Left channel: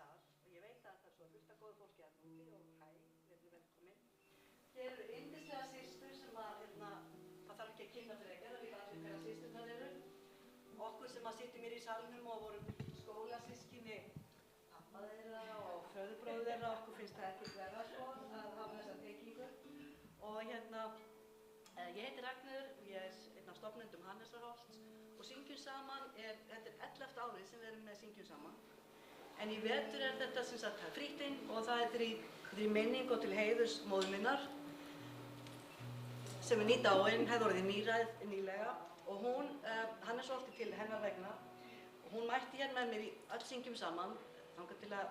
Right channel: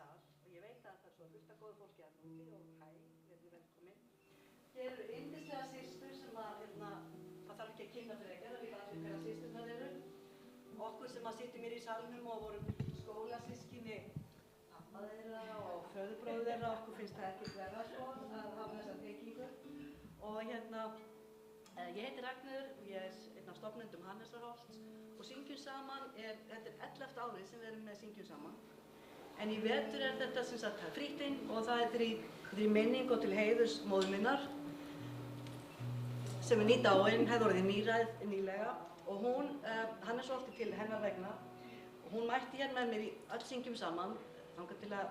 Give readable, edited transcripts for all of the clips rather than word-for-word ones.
sal og ég veit að það er svo fullt af góðu fólki að núti og hæ, verður velkomin. Hér eru yndislega systur sem að, það þarf ekki að kynna frekar, það vita allir hverja systurnar eru. Okkur sem að sitjum hér í salnum og vorum skólasystkini pappa þeirra og föðurbróður þeirra, okkur finnst það ekkert verra sko að hafa þessa tengingu. Og ég heiti Ragnheiður og ég er einn af stofnendum Hannesarholts og syngjum saman, þetta er 11. árið sem við erum með syngjum saman. En í vetur er þetta sem sagt frítt inn og það er í minning og til heiðurs móður minnar sem er nýdáin, hefði orðið níræð nýlega og hún, Hannesarholti til hennar vegna og hún mætti hér með mér í öll syngjum saman þangað til að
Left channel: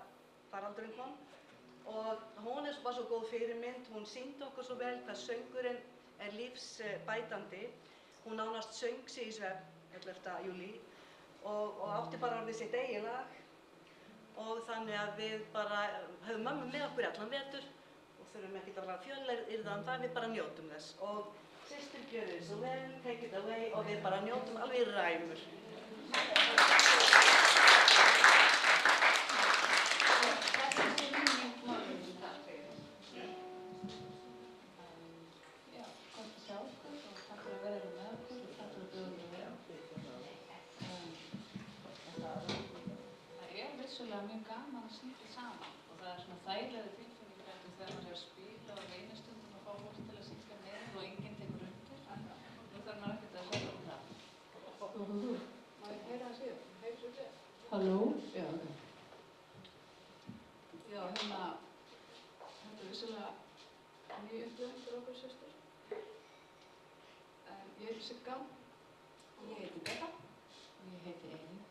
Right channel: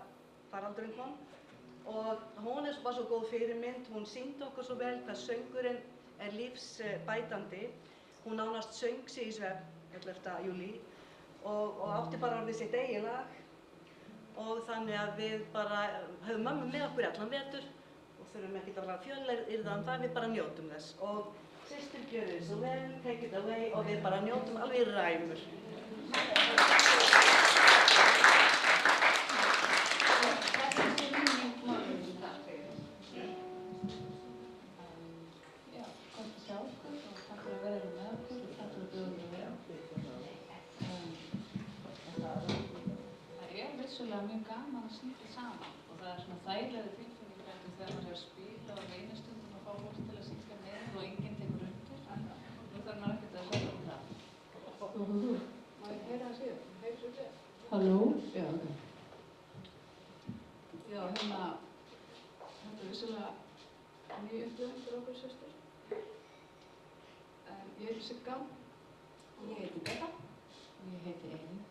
faraldurinn kom og hún var svo góð fyrirmynd, hún sýndi okkur svo vel hvað söngurinn er lífsbætandi. Hún nánast söng sig í svefn 11. júlí og átti bara orðið sitt eigið lag og þannig að við bara höfum mömmu með okkur allan vetur og þurfum ekkert að vera fjölyrða það, við bara njótum þess. Og systur gjörðu þið svo vel, take it away og við bara njótum alveg í ræmur. Mjög gaman að syngja saman og það er svona þægilega tilfinning þegar maður er að spila og reynir stundum að fá fólk til að syngja með og enginn tekur undir. Nú þarf maður ekkert að segja það. Má ég heyra það síðan? Heyr svo vel. Halló? Já, ok. Já, þetta er vissulega mjög upplifun fyrir okkur systur. Ég heiti Sigga og ég heiti Betta og ég heiti Elín.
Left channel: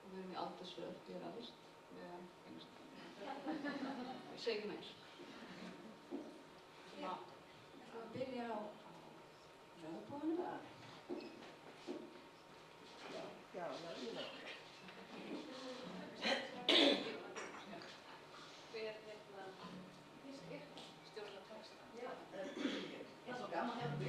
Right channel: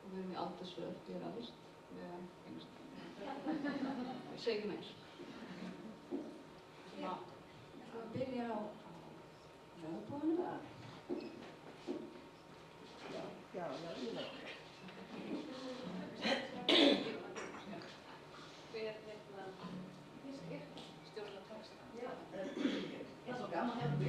Og við erum í aldursröð, ég er alveg ég segi ekki meir. Svo að byrja á lögbúinu. Já, lögbúinu. Hver stjórnar texta? Já, það er svo gaman hefur.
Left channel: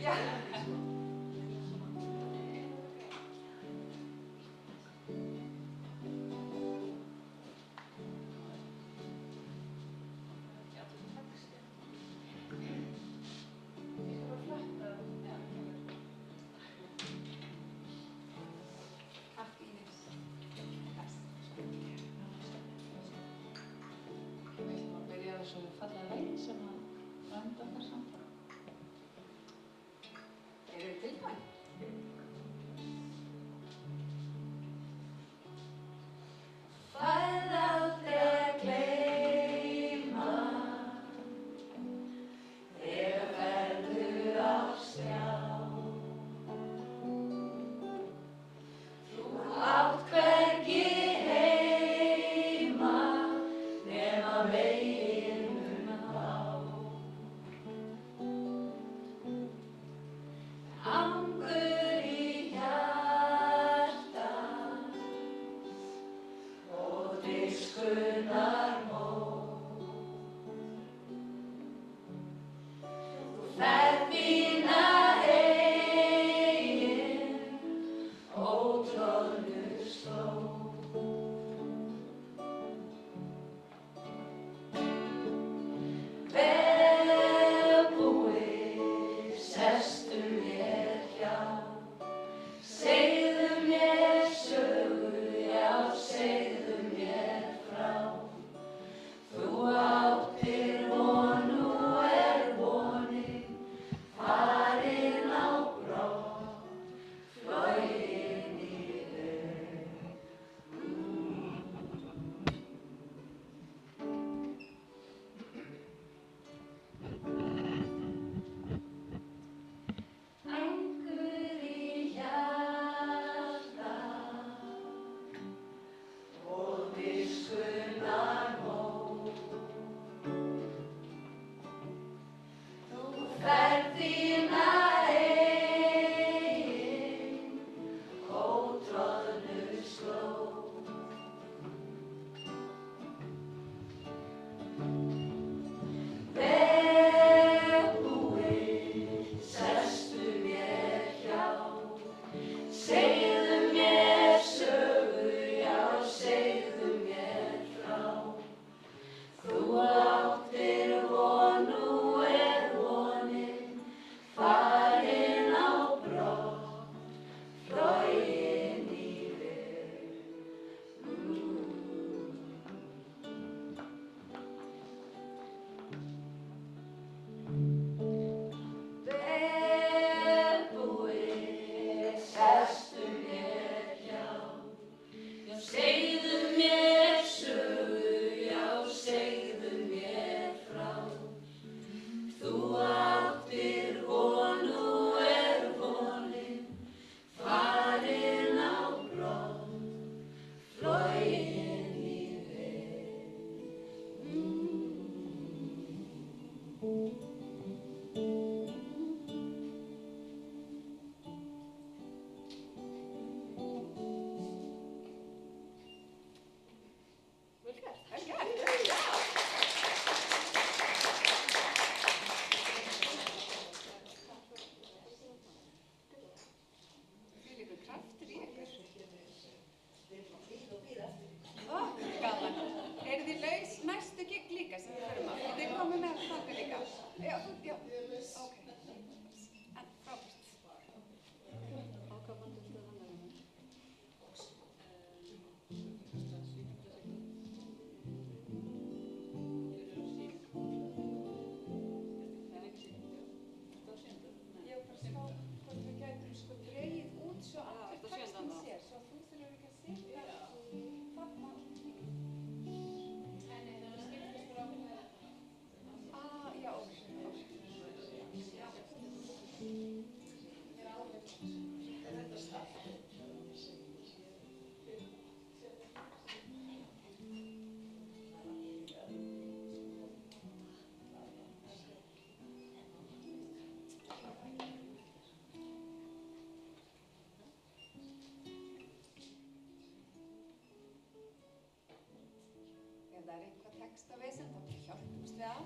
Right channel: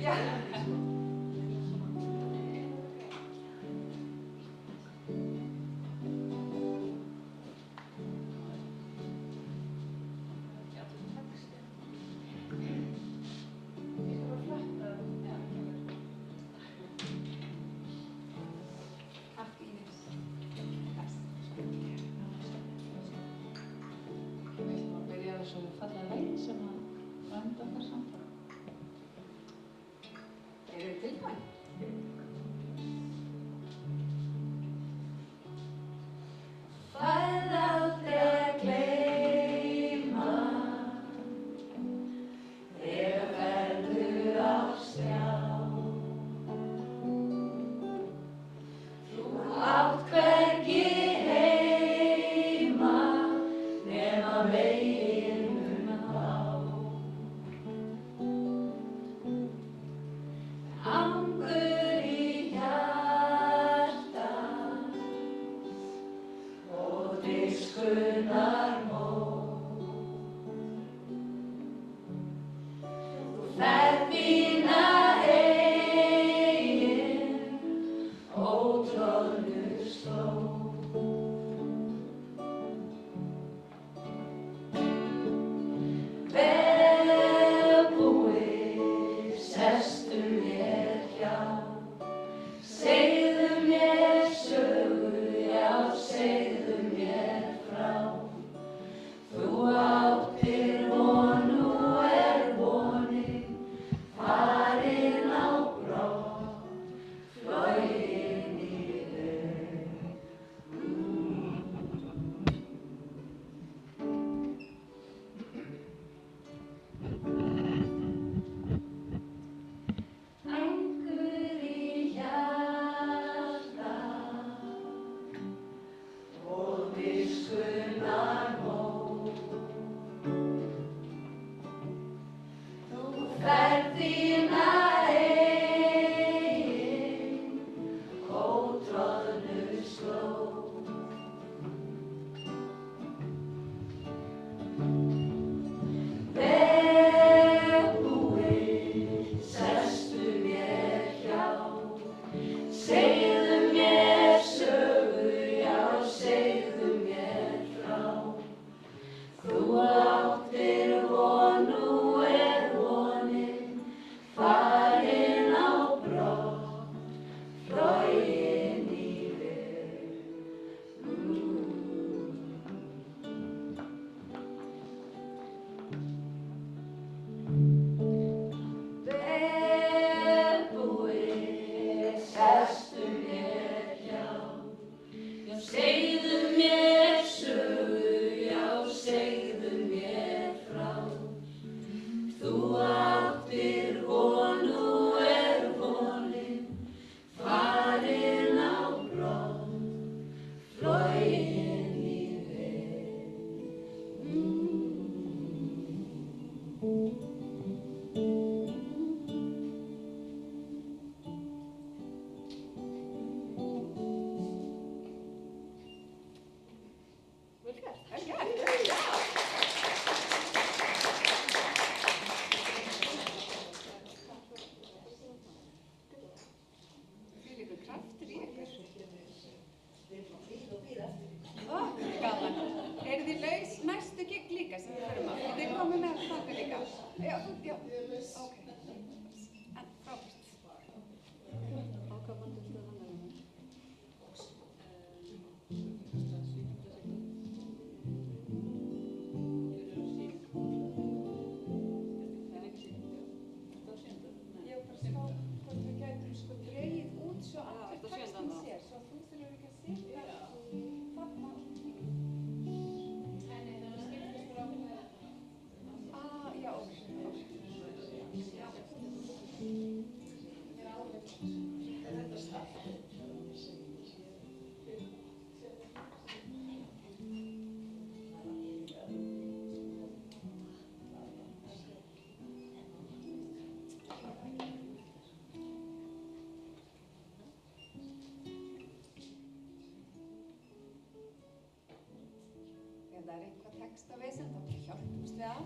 það er eitthvað textavesen, þá hjálpumst við að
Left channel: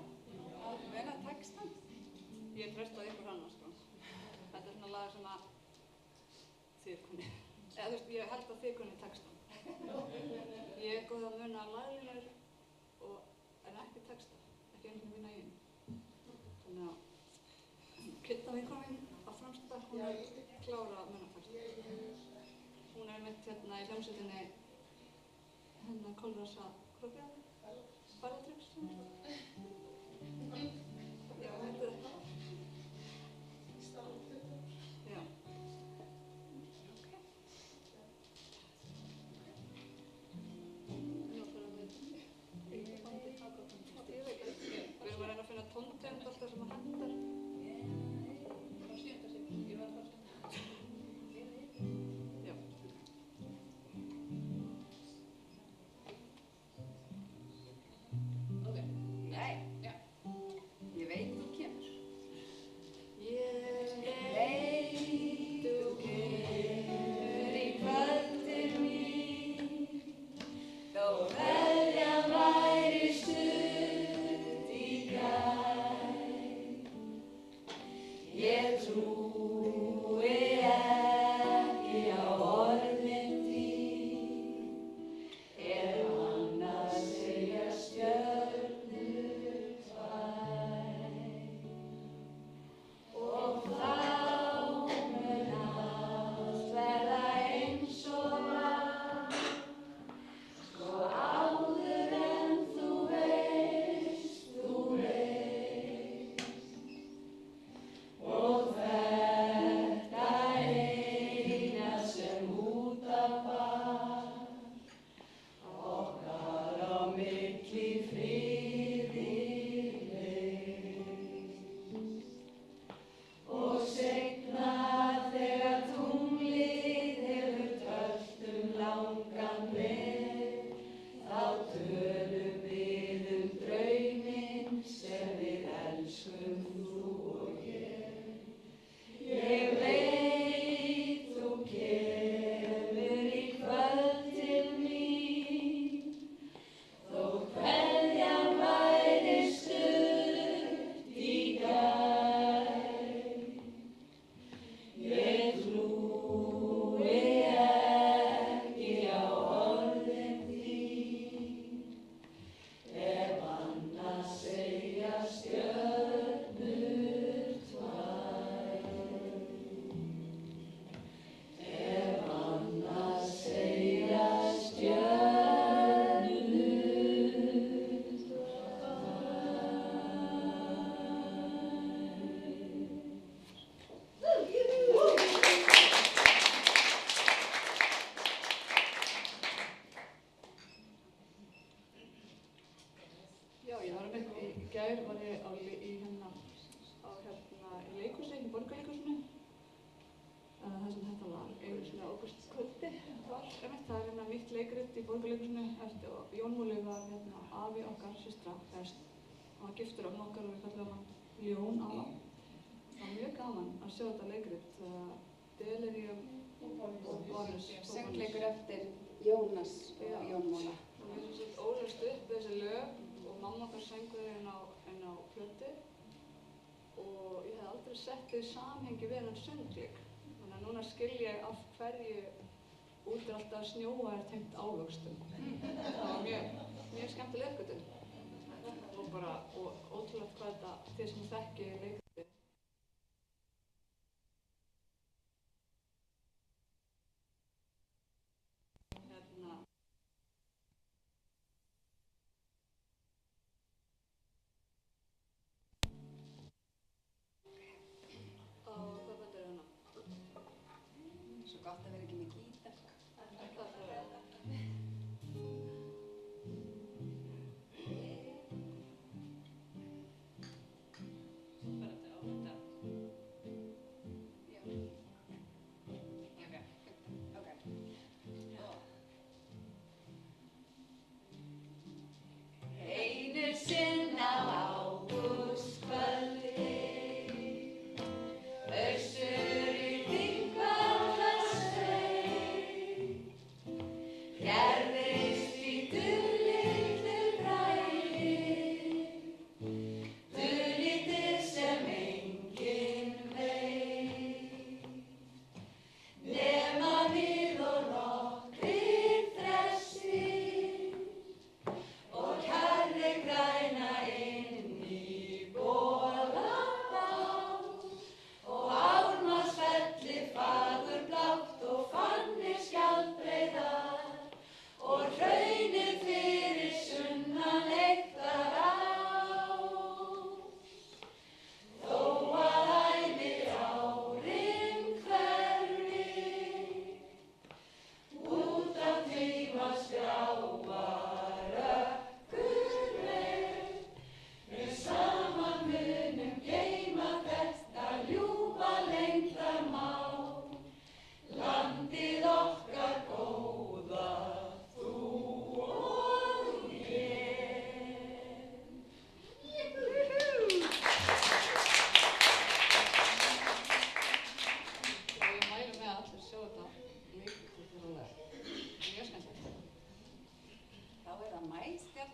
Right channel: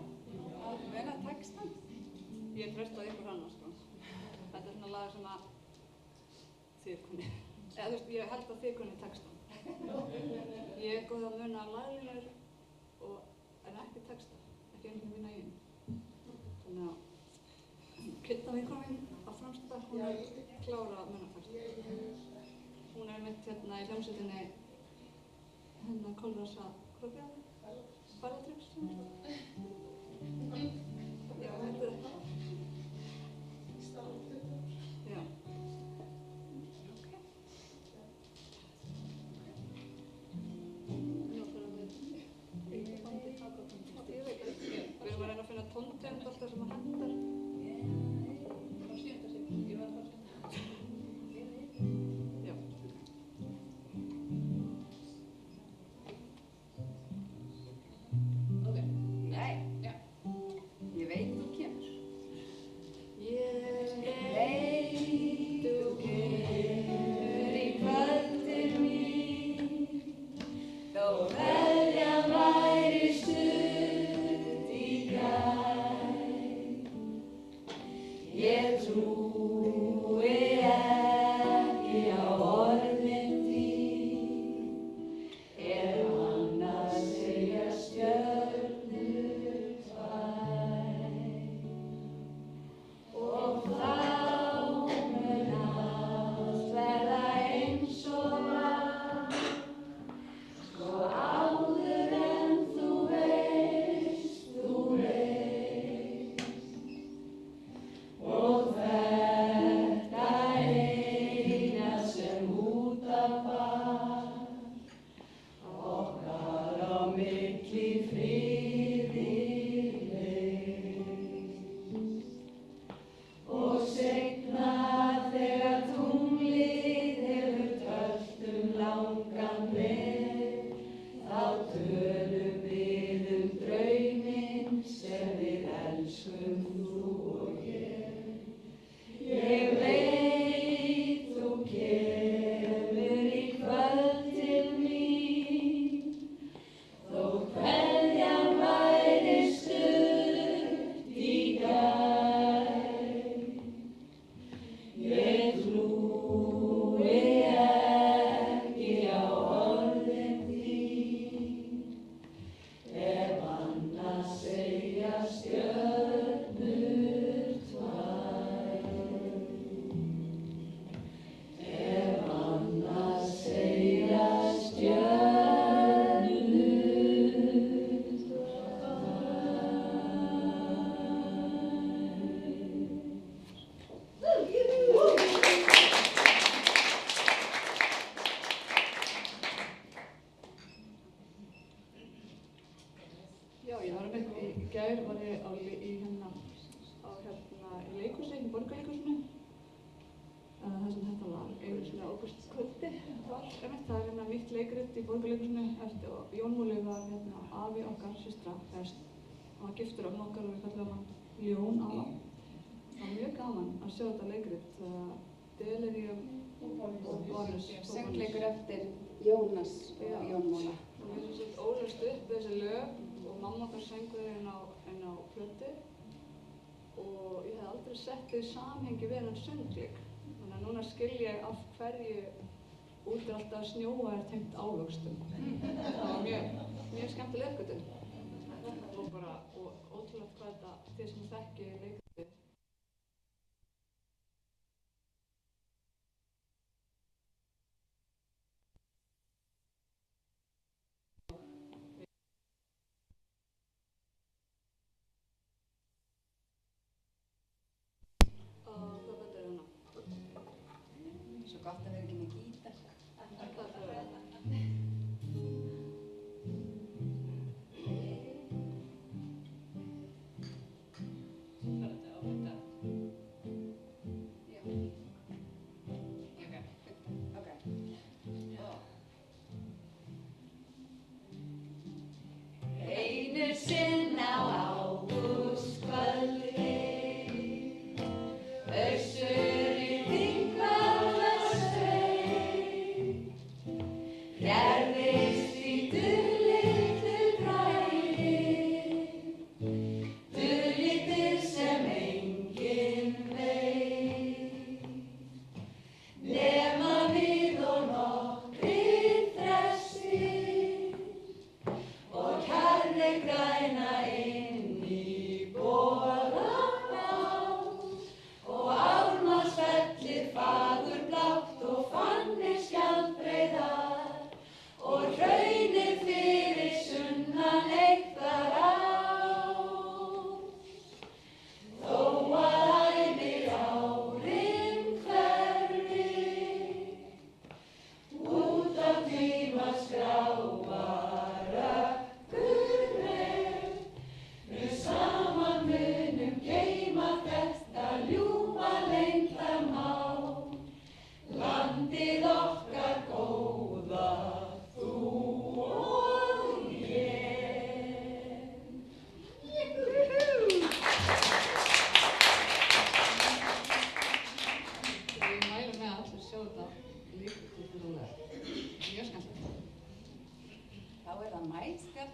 muna textan. Ég treysta ykkur hana, sko. Þetta er svona lag sem að þið kunni. Eða þú veist, ég held að þið kunni textan. Ég er góð að muna laglínur en ekki texta, ekki einu mína eigin. Þannig að Kidda vinkona mín á Framstad, hún er klára að muna texta. Hún er mitt hérna í hljómsveitinni hennar Kolrasa Krókjaði, Barðatryggs. Já, þetta er það. Já. Ég veit ekki. Við erum að reyna að finna tóntegund alltaf sem að hendar. Já. Ok. Nei, Já. ég veit þú kemur. Ég Veit þú kemur í kvöldir mín, þó kveðjan væri stutt í gær. Ég trúi ekki á orðin þín, annars segja stjörnur tvær. Og þá mun allt verða eins og var, svo áður en þú veist. Og þetta eina sem út af var, okkar á milli friði leið. Og seinna þegar tunglið hefur töllt langan veg, þá tölum við drauminn sem við elskum þú og ég. Ég veit þú kemur í kvöld til mín, þó kveðjan væri stutt í gær. Ég trúi ekki á orðin þín, annars segja stjörnur tvær. Annars segja stjörnur Já, ég var einmitt í gær var ég í leikhúsi, í Borgarleikhúsinu. Það sem þetta var einu svona ágústkvöldi. Það er nýtt leikrit í Borgarleikhúsinu eftir Jón Múli var afi okkar systra, hann var giftur af okkar og við kallum hann Ljón afa. Það var mjög gaman að sjá þetta leikrit, Delirium og Bonus. Söngleikur eftir Jónas og Jón Múla. Og við ólust upp þessi lög og mamma okkar söngu þau inn á plötu og ég hef aldrei sett þau í samhengi við hann söngleik. Þannig að núna skil ég af hverju út alltaf að snjóa tengt ávöxtum. Það var mjög skemmtileg uppgötvun. Og ótrúlegt hvað þetta, þið sem þekki leikritið. Hvað betur hérna? Svo gott að vera ekki með gítar. Það er það. Einu sinn á ágústkvöldi, össur í Þingvallarsveit.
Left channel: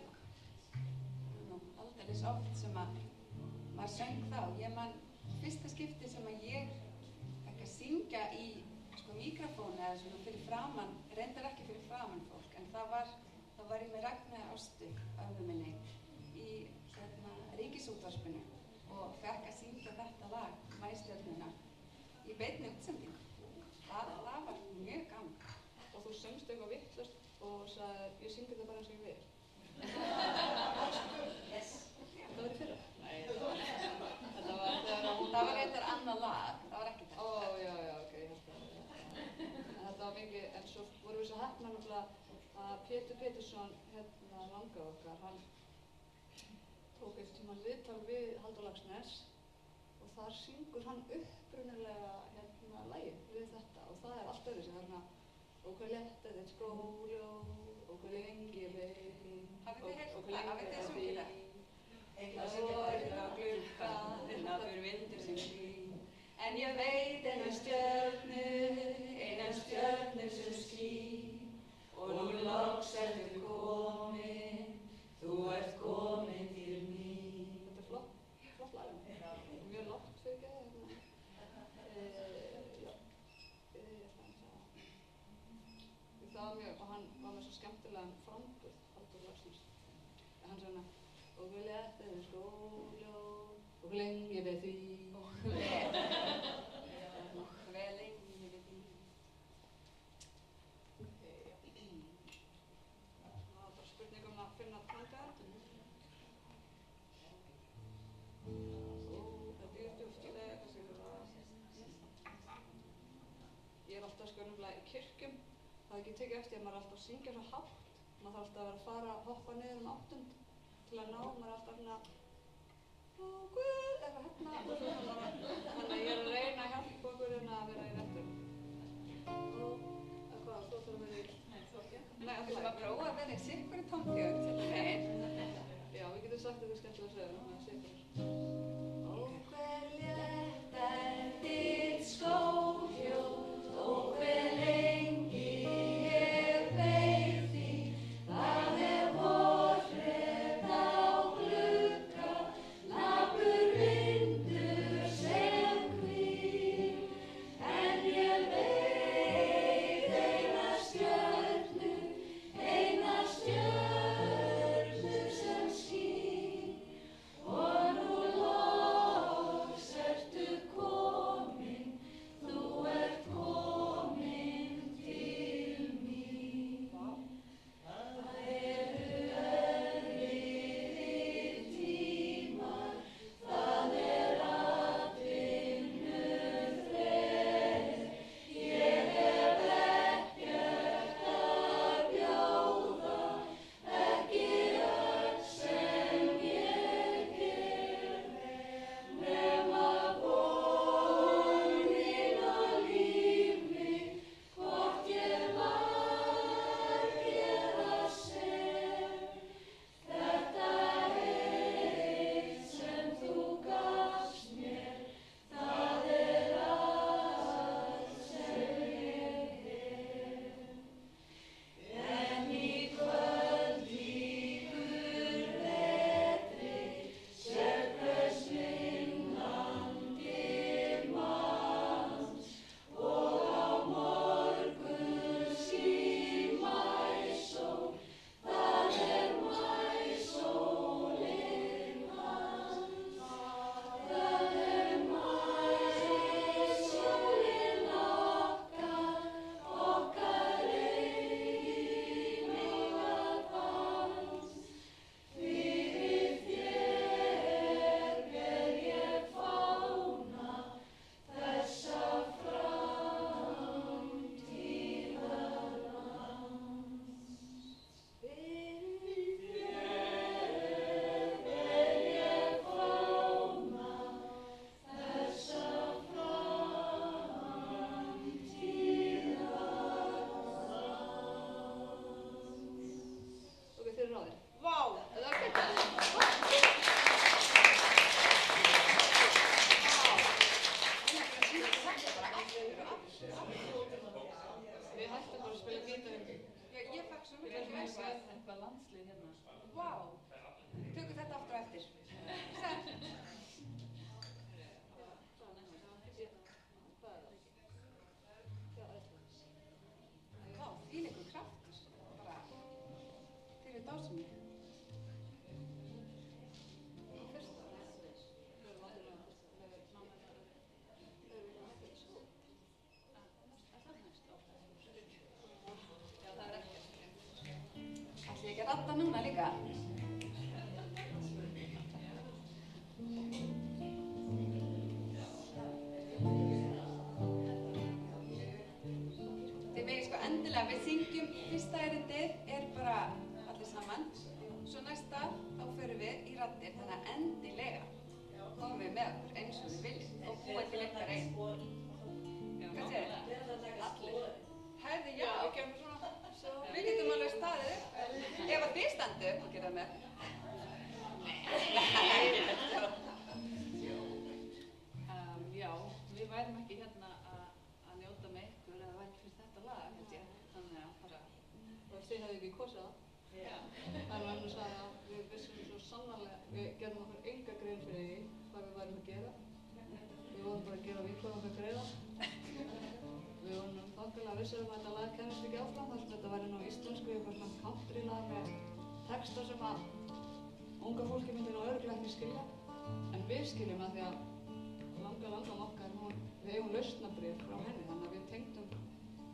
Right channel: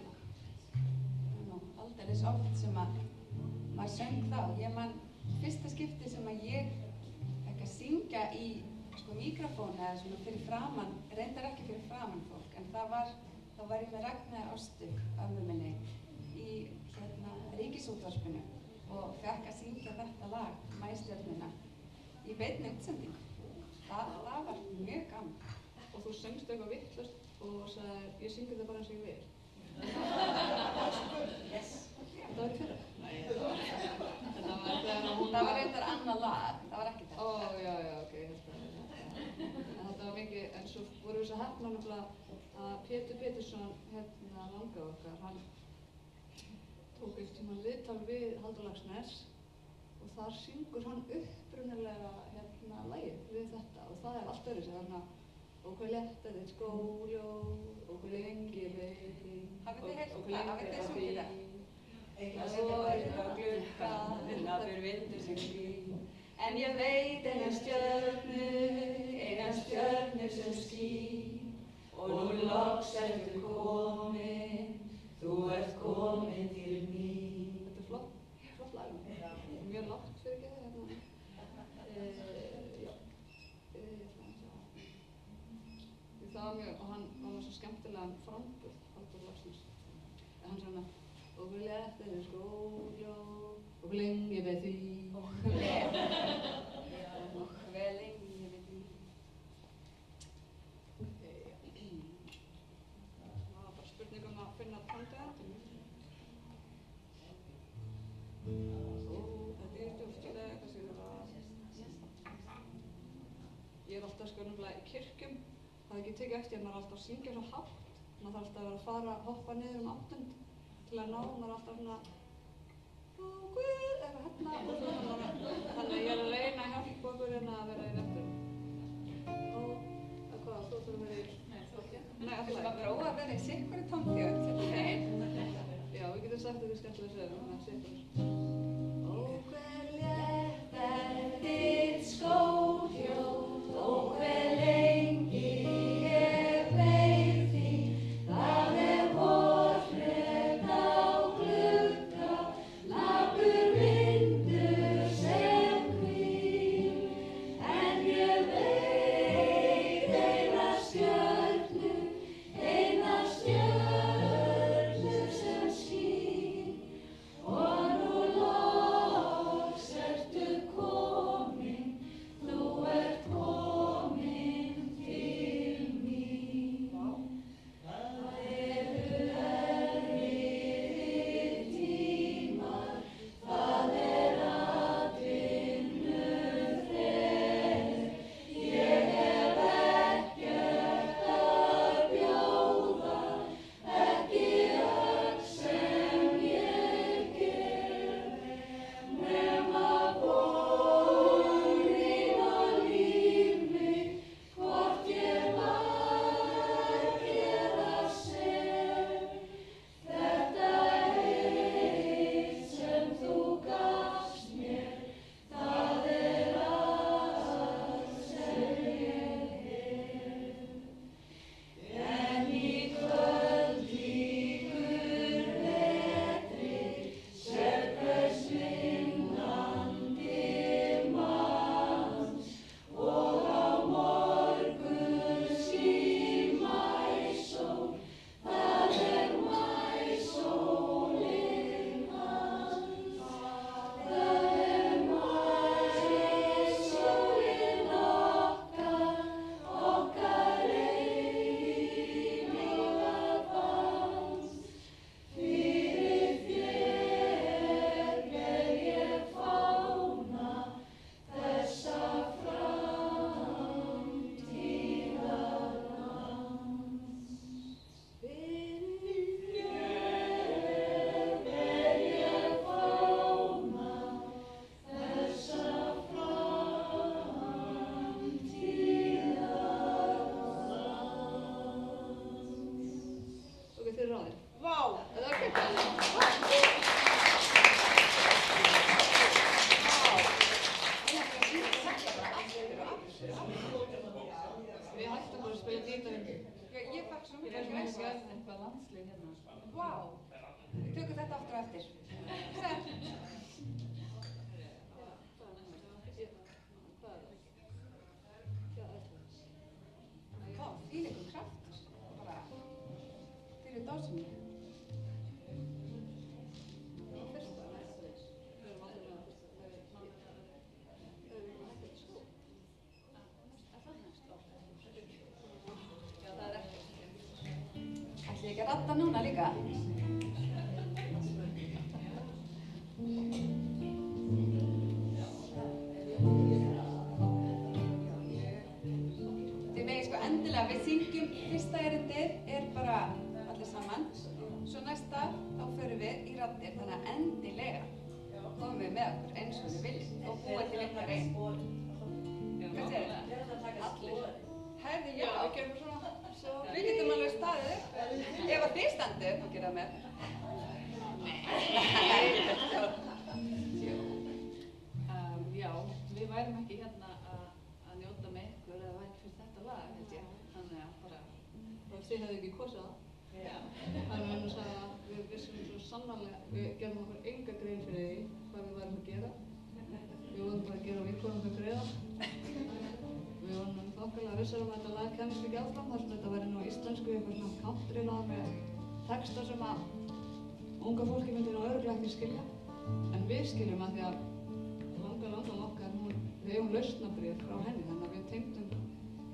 hérna. Aldeilis oft sem að maður söng þá. Ég man fyrsta skipti sem að ég ekki að syngja í míkrafónu eða svona fyrir framann, reyndar ekki fyrir framann fólk, en þá var ég með Ragnheiði Ástu, ömmu minni, í Ríkisútvarpinu og fekk að syngja þetta lag, Maístjörnuna, í beinni útsendingu. Það var mjög gaman. Og þú söngst eitthvað vitlaust og sagði, ég syngi þetta bara eins og ég vil. Yes. Þetta var í fyrra? Nei, þetta var þegar hún Það var reyndar annað lag, það var ekki þetta. Ó, já, ok, ég held að en þetta var mikið, en svo vorum við svo heppnar nefnilega að Pétur Pétursson, langa okkar, hann tók einhvern tímann viðtal við Halldór Laxness og þar syngur hann upprunalega lagið við þetta og það allt öðruvísi, þannig að og hver létt er þitt skóljós og hver lengi beið þín og hver lengi beið þín eitthvað sem verður á glugga naður vindur sem skín en ég veit eina stjörnu sem skín og nú loks ertu komin þú ert komin til mín. Þetta er flott lag og mjög lágt fyrir ekki það var mjög, og hann var með svo skemmtilegan framburð, Halldór Laxness. Hann svona, og hver létt er þitt skóljós, og hver lengi beið þín. Og hver lengi beið þín. Það var bara spurning að finna tanga. Þetta er djúptilega, hvað séu það? Ég alltaf nefnilega í kirkjum. Það hef ekki tekið eftir að maður alltaf að syngja svo hátt. Maður þarf alltaf að vera að hoppa niður áttund til að ná. Maður er alltaf svona og Guð, eitthvað og svona. Þannig að ég er að reyna að hjálpa okkur að vera í vettum. Og hvað, þú ætlar að vera í? Nei, alltaf. Það var óa að vera í sikkur tónfjörn. Já, við getum sagt þetta skemmtilega sögum með sikkur. Og hver létt er þitt skóljós og hver lengi Ég fekk svo mikið Við erum að gera eitthvað landslið hérna. Vá! líka. Þið megið sko endilega, við syngjum, fyrsta erindið er bara allir saman, svo næsta þá förum við í raddir, þannig að endilega komum við með okkur eins og við viljum og búa til ykkar einn. Hvað segir það? Herði, já. Við gerum svona. Við getum alveg staðið upp. Ef að þið standið upp og gera með. Já, við værum ekki hérna að njóta með ykkur eða væri fyrir þetta lag, held ég. Þannig að bara... Þið hefðu ekki kosið það. Já. Þannig að við vissum svo sannarlega, við gerðum okkur enga grein fyrir því hvað við værum að gera. Við vorum bara að gera vinkonum okkar greiða. Við vorum þokkalega vissar að þetta lag kemist ekki áfram þar sem þetta væri nú íslensku, eitthvað svona country-lag með texta sem að unga fólki myndi nú örugglega ekki skilja. En við skiljum að því að langar okkar, við eigum lausnabréf frá henni, þannig að við tengdum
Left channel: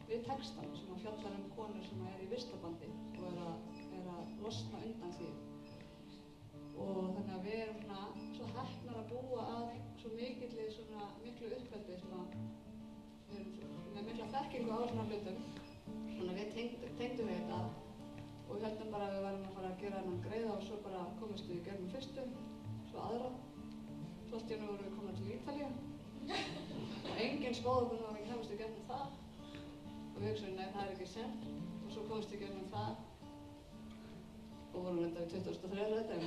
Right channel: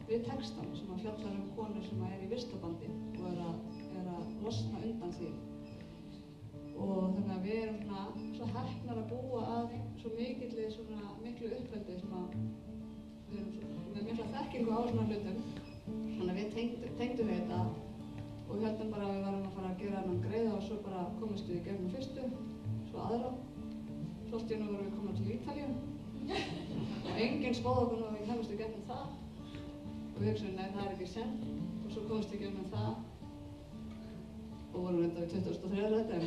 við textan sem að fjallar konur sem er í vistabandi og er að losna undan því. Og þannig að við erum svona svo heppnar að búa að svo miklu uppveldi sem að við erum með mikla þekkingu á svona hlutum. Þannig að við tengdum við þetta og við heldum bara að við varum að fara að gera hennan greiða og svo bara komist við í gegnum fyrstu, svo aðra. Svo allt í einu vorum við komin til Ítalíu og enginn spáði okkur að við kemist í gegnum það. Og við hugsaðum, nei, það er ekki sent. Og svo komist við gegnum það og vorum reynda við 2003 þetta, en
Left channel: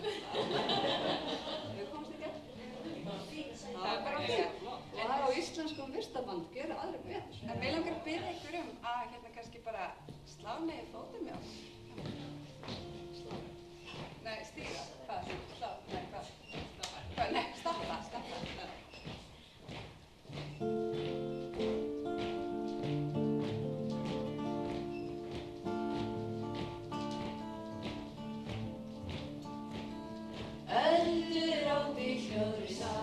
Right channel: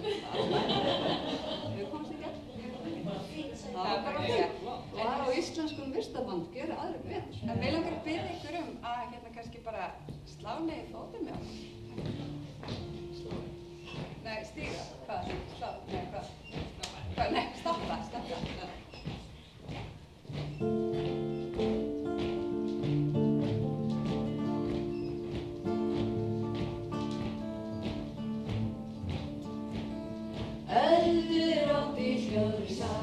við komst í gegn. Það var bara fínt. Og það á íslenskum vistaband gera aðrir betur. En mig langar að biðja ykkur að hérna kannski bara slá niður fótinn með okkur. Slá. Nei, stíga. Hvað? Slá? Nei, hvað? Hvað? Nei, stoppa. Öldur á bílhljóðri sá,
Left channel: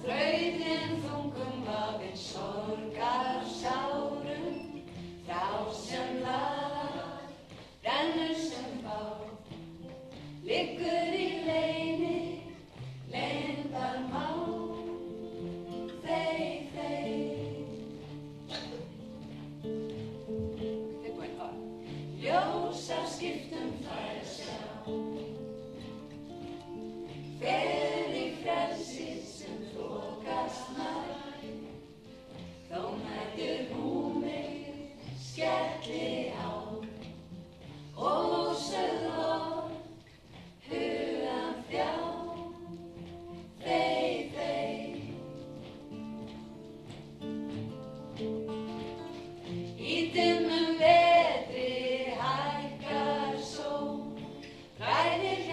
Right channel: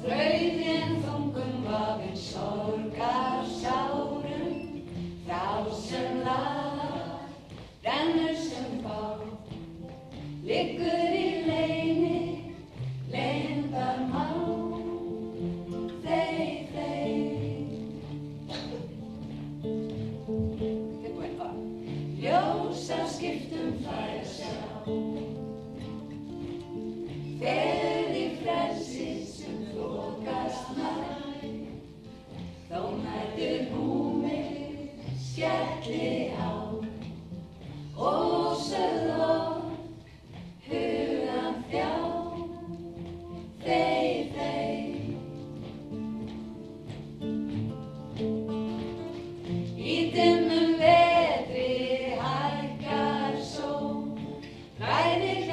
þrautin þungun vafinn sorgar sárum, þá sem lag, rennur sem bá, liggur í leyni, leyndarmál, þey. Tilbúin, og Ljósa skiptum fær að sjá, fer í frelsi sem þokast nær, þó mætir húmið skelli á, ósögð orð hugann þjá, þey. Í dimmum vetri hækkar sól, ræðir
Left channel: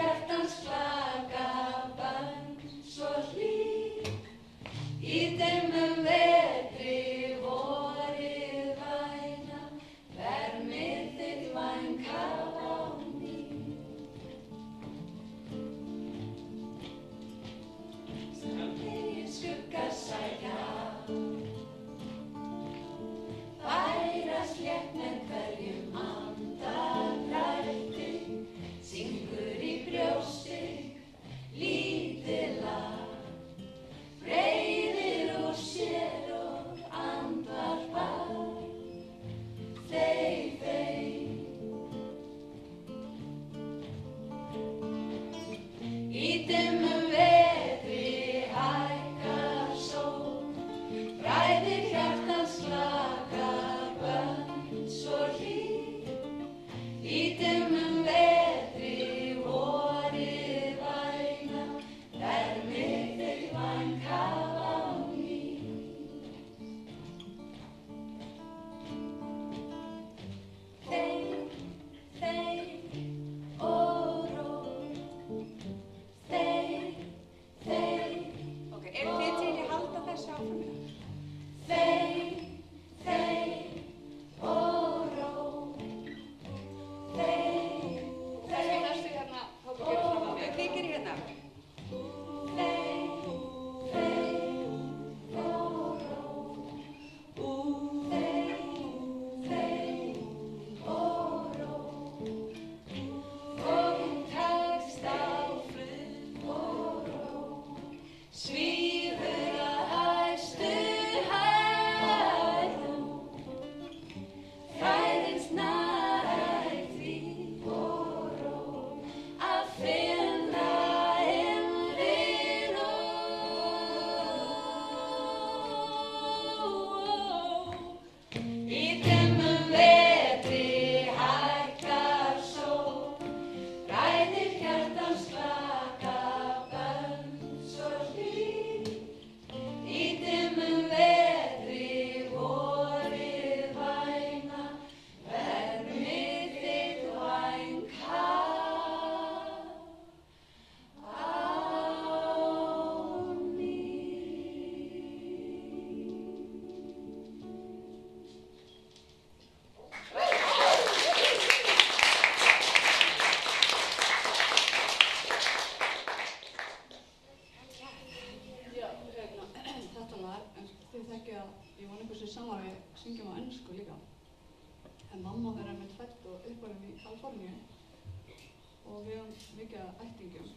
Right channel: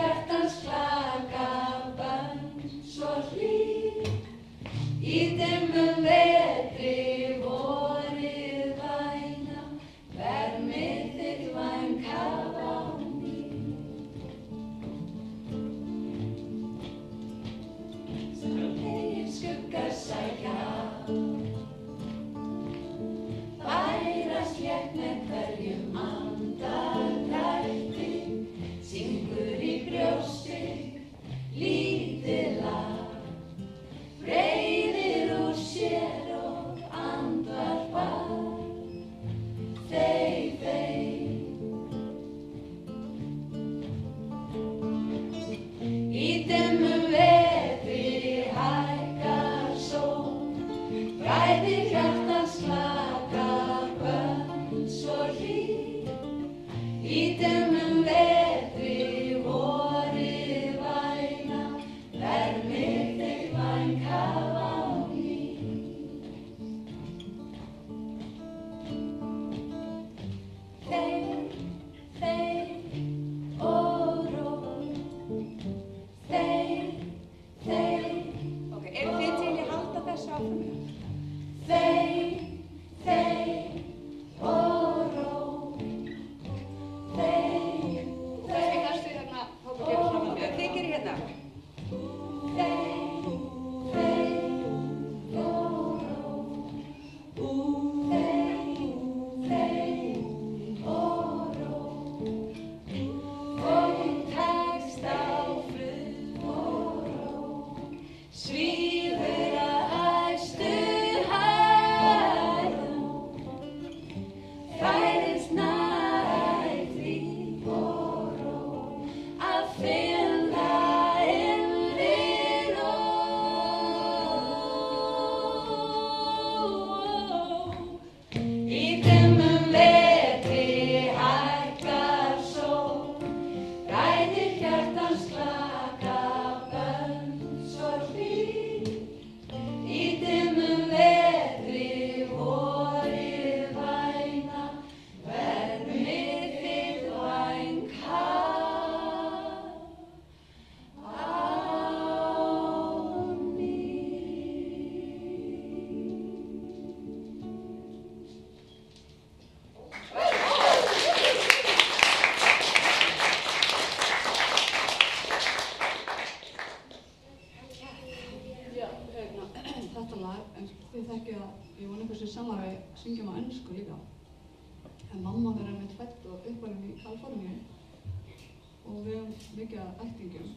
mikið af ættingjum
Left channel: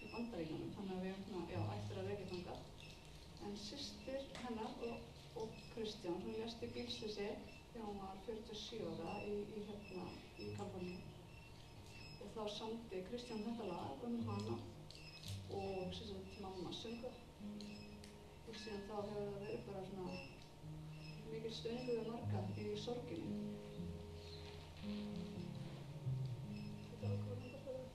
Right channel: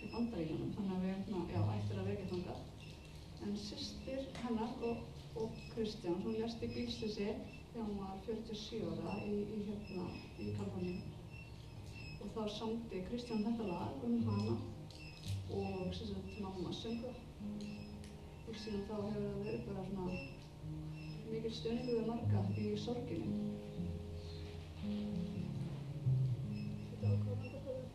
í Bandaríkjunum, þannig að við ættir að rekja þangað. En systir hennar og Kristján, hún lést í bílslysi þegar hún var 47 ára í Kaliforníu. Og þá samdi Kristján þetta lag hana og mamma söngu. Og síðan þá hefur það verið bara svona mikil stuðningur við marga í sorginni. Þetta var hvað þetta fyrir?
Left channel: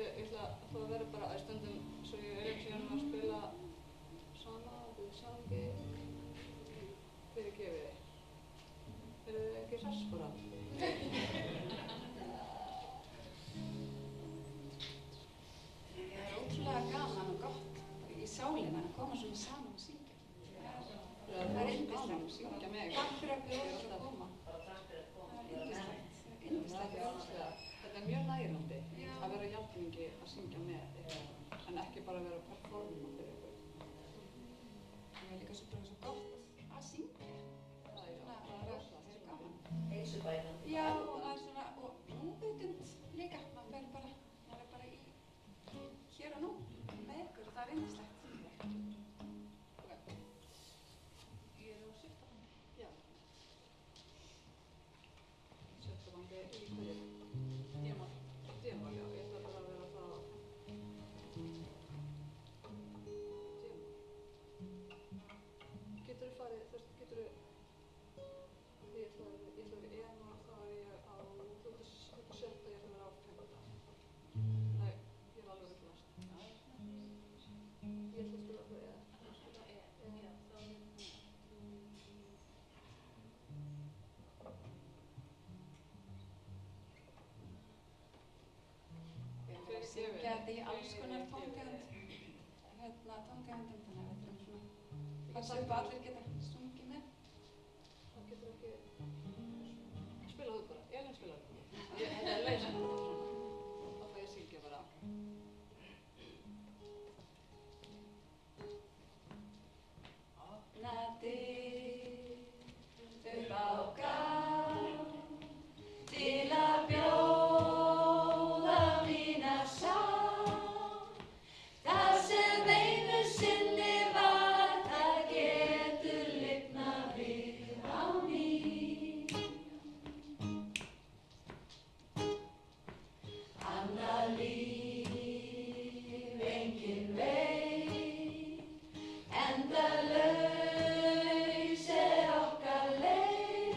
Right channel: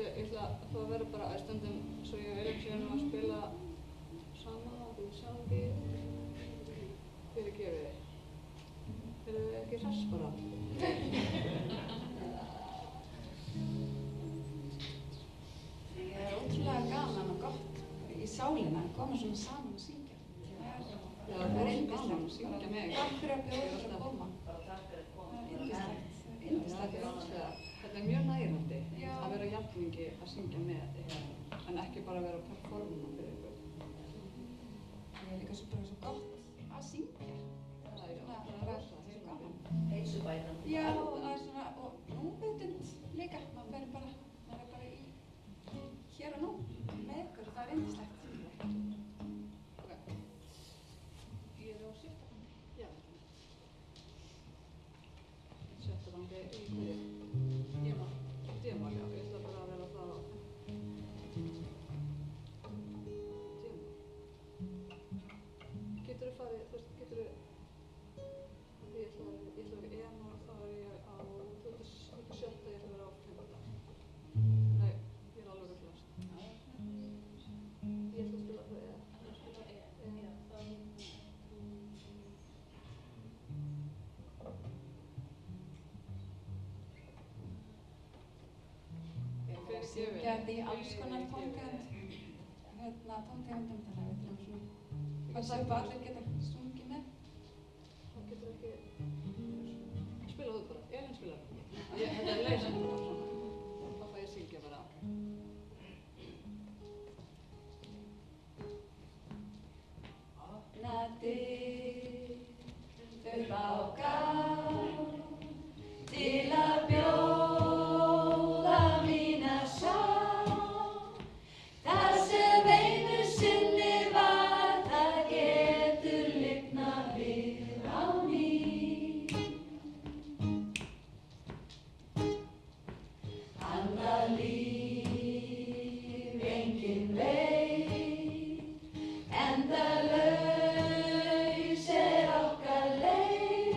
Ég ætla að fá að vera bara að stundum svo ég er ekki að spila sama og við sjáum ekki fyrirgefið. Eru þið ekki hress bara? Það er ótrúlega gaman og gott í sálina að koma svona saman og syngja. Já, það er gaman að syngja með ykkur. Takk fyrir að bjóða okkur að koma. hellingi að syngja með ykkur, en ekki bara vera að performa fyrir ykkur. Það er líka svo gott að syngja. Það er rosa gaman. Heilsubæran. Já, og maður er svona, og núvitund líka, maður er bara í hér og nú með ykkur og það er yndislegt. Ok. Ég er á sjötta banki. Já. Sjötta banki í hverju? D-mál. D-mál, já. Ég ætla bara að vera það á D-mál. Geturðu farið, þú veist, geturðu, því ég ætla að vera í E-mál, þá er ég á, þú ert sjötta, ég ætla að vera á 5. Nei, ég er alveg ruglast. Ég ætla að spila på E. Syngja þetta í alls konar tóntegund, tóntegundum, þannig að við þurfum svona, passa upp að allir geta sungið með. Það getur ekki, spila þú bara, Elín spilar það. Þetta er leysandi bara svona, þá fæ ég að syngja bara. Opna dyr upp á gátt til að bjóða mína sátt. Það sem einu sinni var, það getur lifnað við á ný. Annað líf enginn veit, endalaus er okkar leið.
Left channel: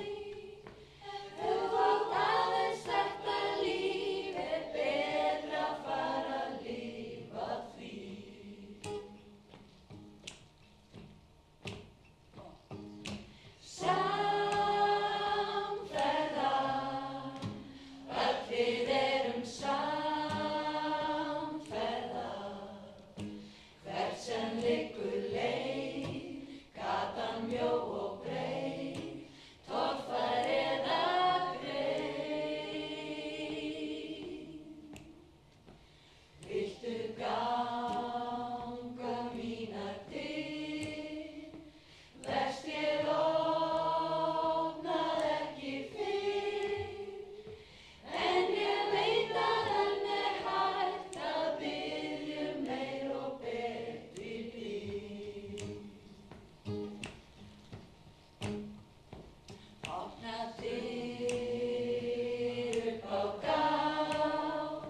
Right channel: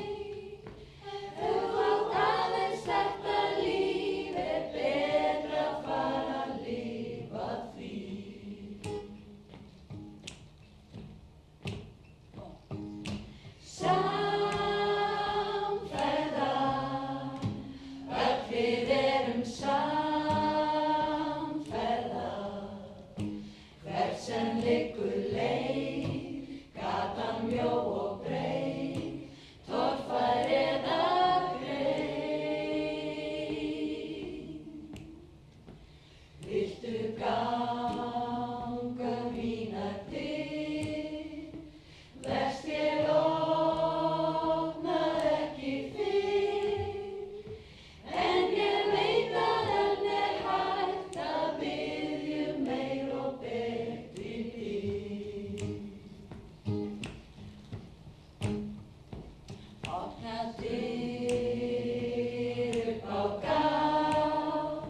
Þú átt aðeins þetta líf, er betra að fara að lifa því. Samferða, öll við erum samferða. Hvert sem liggur leið, gatan mjó og breið, torfær eða greið. Viltu ganga mínar dyr, verst ég opnað ekki fyrr, en ég veit að enn er hægt að biðja meir og betri dyr. Opna dyr upp á gátt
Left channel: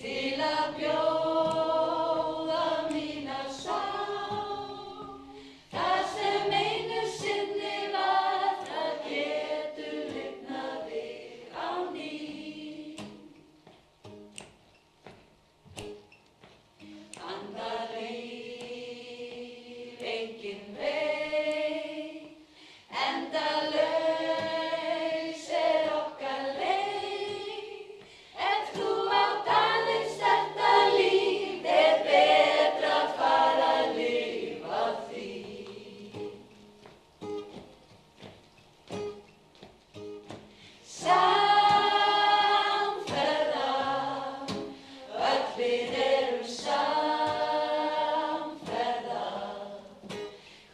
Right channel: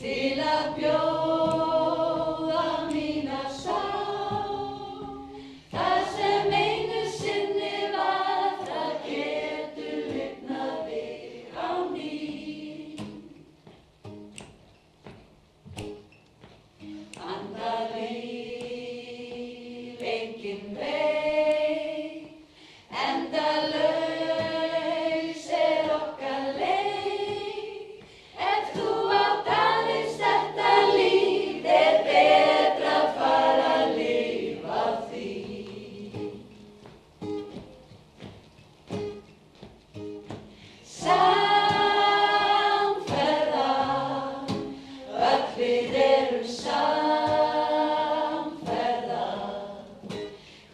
til að bjóða mína sátt. Það sem einu sinni var, það getur lifnað við á ný. Annað líf enginn veit, endalaus er okkar leið. Ef þú átt aðeins þetta líf, er betra að fara að lifa því. Samferða, öll við erum samferða.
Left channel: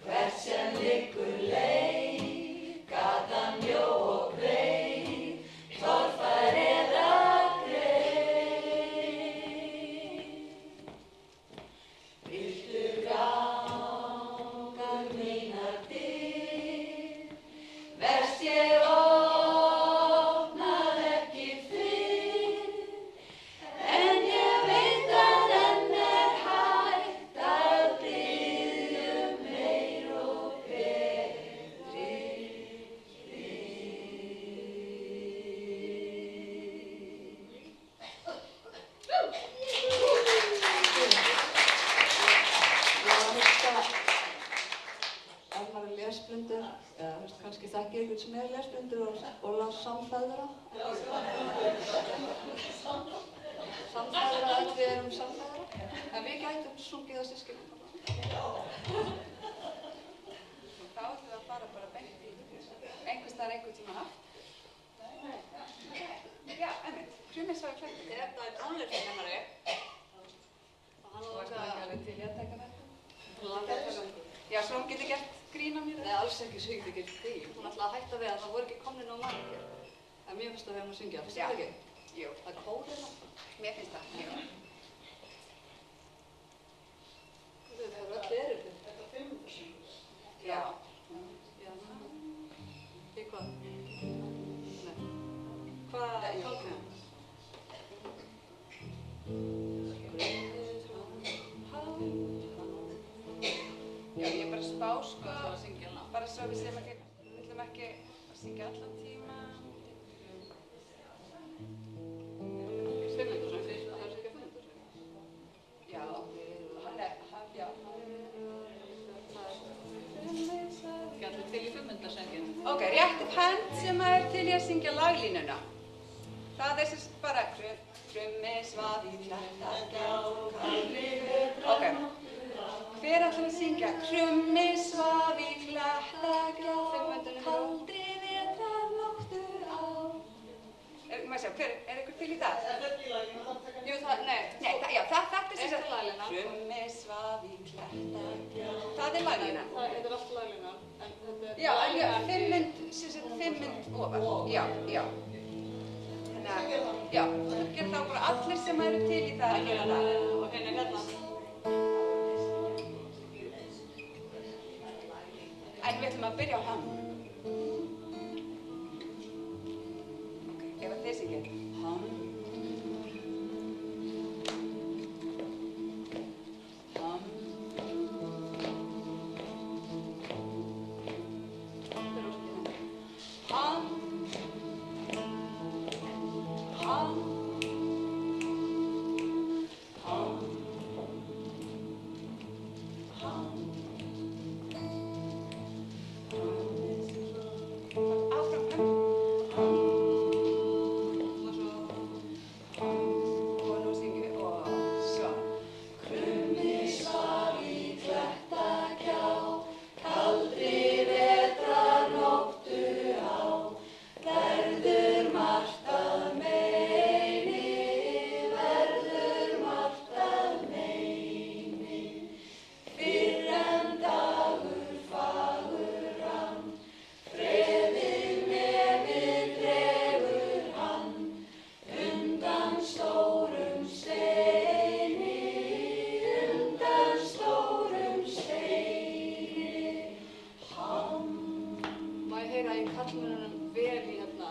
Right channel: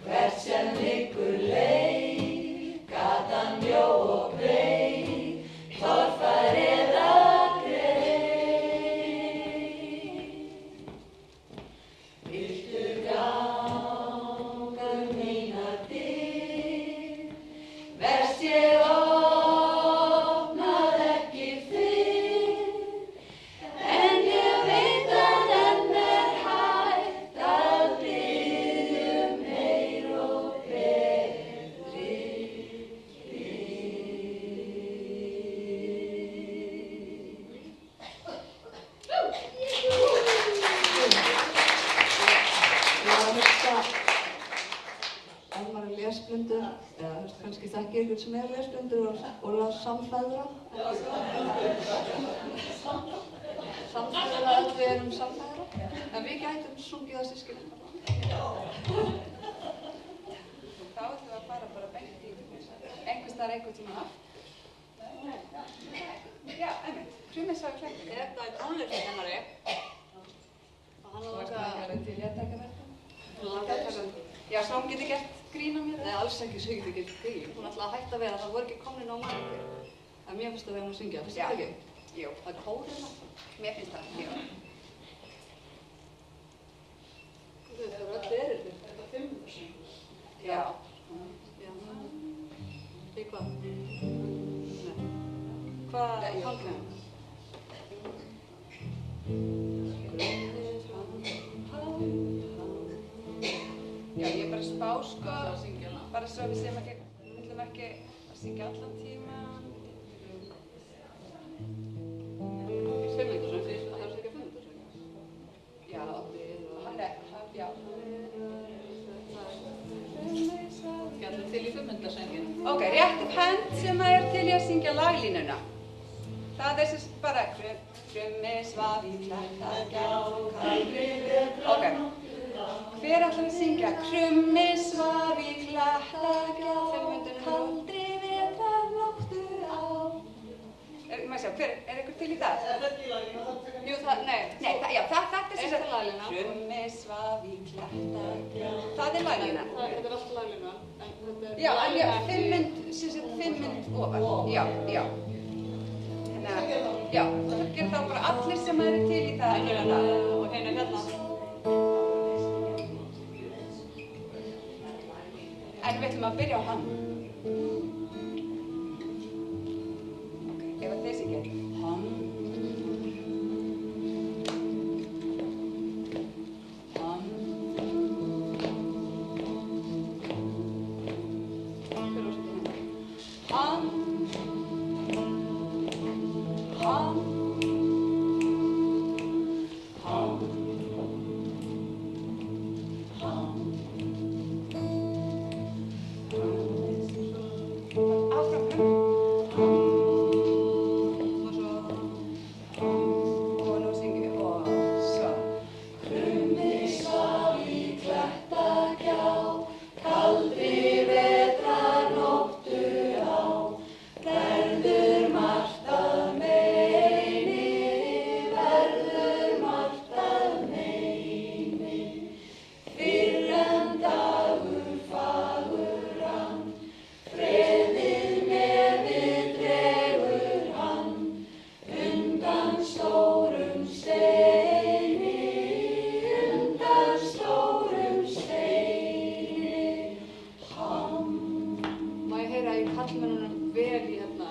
Hvert sem liggur leið, gatan mjó og breið, torfær eða greið. Viltu ganga mínar dyr, verst ég opnað ekki fyrr, en ég veit að enn er hægt að biðja meir og betri Ef maður er lesblindur, eða þú veist, kannski þekkir ykkur sem er lesblindur og las samfeðra. Samfeðra, öll við erum samfeðra. En við gætum sungið að systkinin. Þá ætlum við að fara bara beint í einhvers staðar einhvern tíma aftur. Já, einmitt. Krummisar og klættir. Þetta er tónlistakennari væri til ég að taka þetta. Hún langaði að taka þetta. Já, svo hún getur gert grín á mér. Nei, alls ekki, svo getur ekki grín. Hún ætlaði að hætta við að það voru ekki komnir nóg margir. En mér finnst það þegar hún syngja. Finnst Já. það ekki? Jú, Það er kórið það. mér finnst það, jú. Það eru öll erir þetta 500 syngur. Já. Já. Í hvað? Nei. Hvað Jú. fangum við? Já, ég er bara að spá, sko, Það að syngja hana. bara svo við séum ekki, við viljum ekki að syngja allan tíma. Fimmundasöng, það er ekki fimmundasöng. Já, hann er, já. Gerðu til í 500-söngin. Ok, rétt upp hönd sem er til ég að syngja laglínuna. Það er sem sagt bara krummi svaf í klettagjá, kaldri vetra. Ok, hver ætlar að syngja? Krummi svaf í klettagjá, kaldri vetra nóttu á. Maður sjá, er ykkur til í það? Jú, það, nei. Nei, já, þetta er sem Eitt er laglína. krummi svaf í klettagjá. Það er laglínan. Þetta er allt laglínan, en þetta er Já, laglínan já, 5 mynd ofar. Já, já. Þannig að, já, það gerir þá bara allir sem eru til í það að gera það. og hérna hérna. En við ætlum að byrja á hann. Ok, ef að þessi ekki. Hann. Hann. Hver á sig hérna? Hann. Hann. Hann. Hann. Áfram. Og svo... Og nú syngjum við og svo. Krummi svaf í klettagjá, kaldri vetrarnóttu á. Verður margt að meini, verður margt að meini. Fyrr en dagur fagur hann, freðið nefið dregur hann. Undan stórum steini, undan stórum steini. Hann. Má ég heyra í kallmennunum vel í hérna?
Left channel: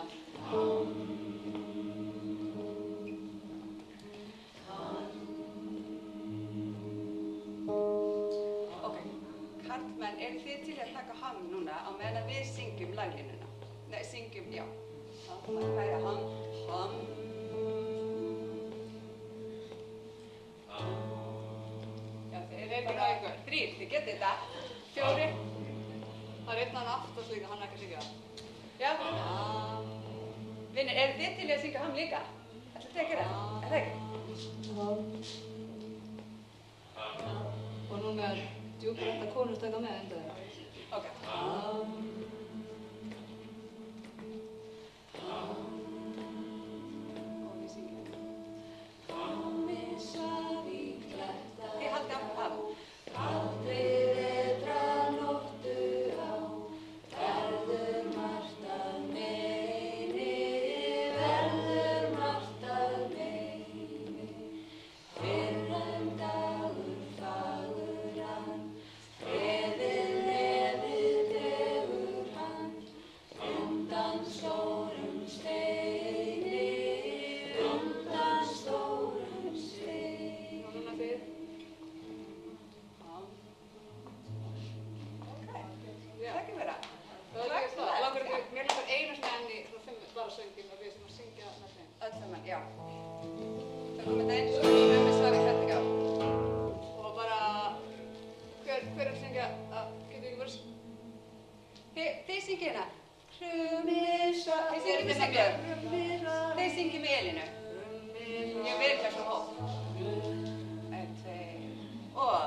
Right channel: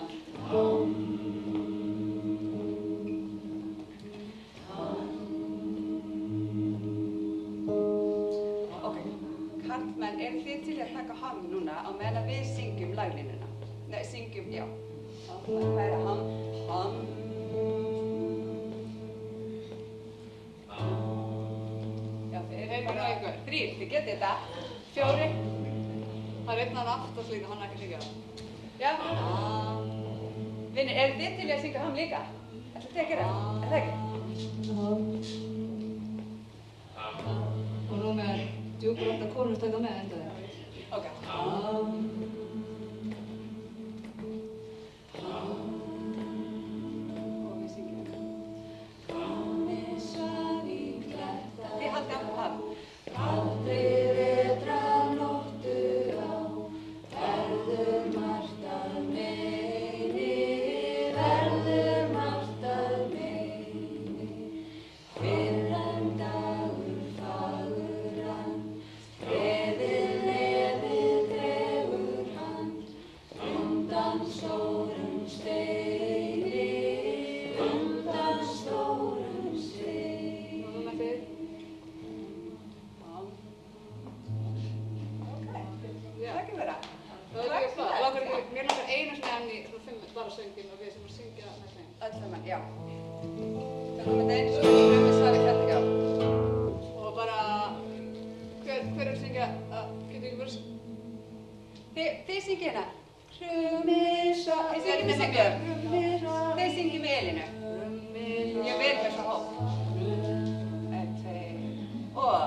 Ok, karlmenn, eru þið til að taka hann núna á meðan við syngjum laglínuna? Nei, syngjum, já. Það er hann. Já, þið eru Einn bara og einhver. 3, þið getið þetta. 4. Það er einn annan aftast líka, hann er ekki að syngja. Já. Vinni, eru þið til að syngja hann líka? Ætlið þið að gera það? Er það ekki? Og nú með djúbrætta konur taka með endaði. Ok. Og við syngjum. Þið haldið áfram hann. Kaldri vetrarnóttu á, verður margt að meini, verður margt að meini. Fyrr en dagur fagur hann, freðið nefið dregur hann. Undan stórum steini, undan stórum steini. Nú núna þið. Já. Það ekki vera. Það er ekki flott. Mér langar einu sinni enn í bara söngin og við sem að syngja með þeim. Öll saman, já. Það komið það eins og við svarið þetta ekki á. Og bara, hver er að syngja, getur ekki verið... Þið syngið hérna. Krummisva. Þið syngið með syngjum. Þið syngið með Elínu. Já, við erum þessu hóp. 1, 2 og...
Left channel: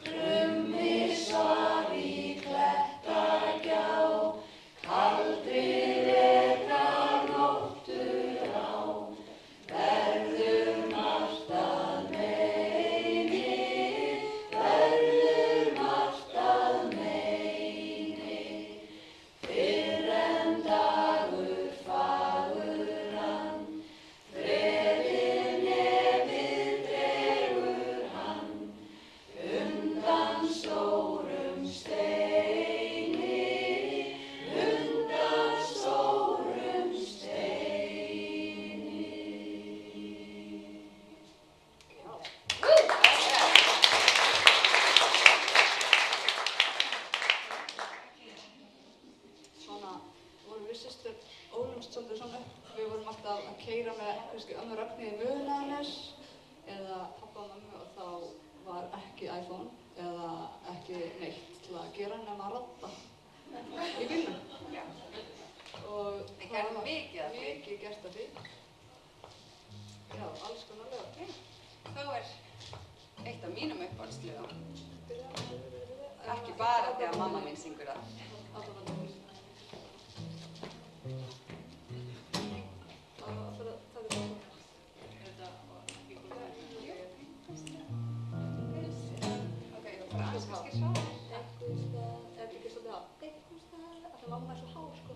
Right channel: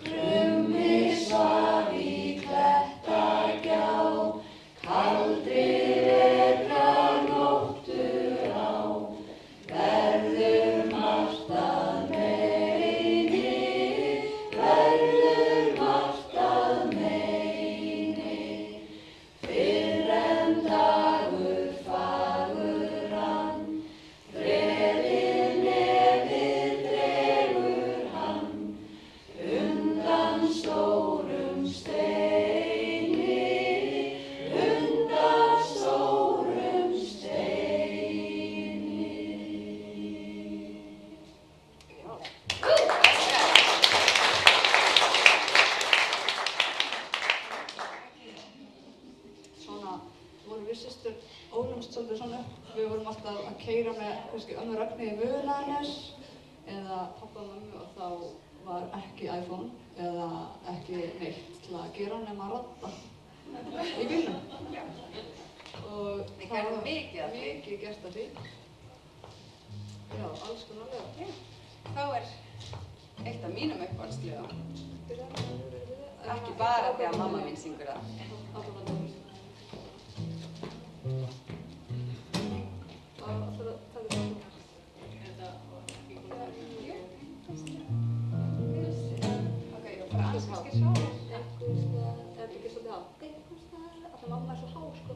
Krummi svaf í klettagjá, kaldri vetrarnóttu á. Verður margt að meini, alveg við systur ólumst svolítið svona upp. Við vorum alltaf að keyra með kannski ömmu Ragnheiði Mögulæðines eða pappa og mömmu og þá var ekki iPhone eða ekki neitt til að gera nema að radda í bílnum. Og það var mikið gert af því. Já, alls konar lög. Þá eitt af mínum uppáhaldslögum. Ekki bara þegar mamma mín syngur það. Mamma svo há, sko.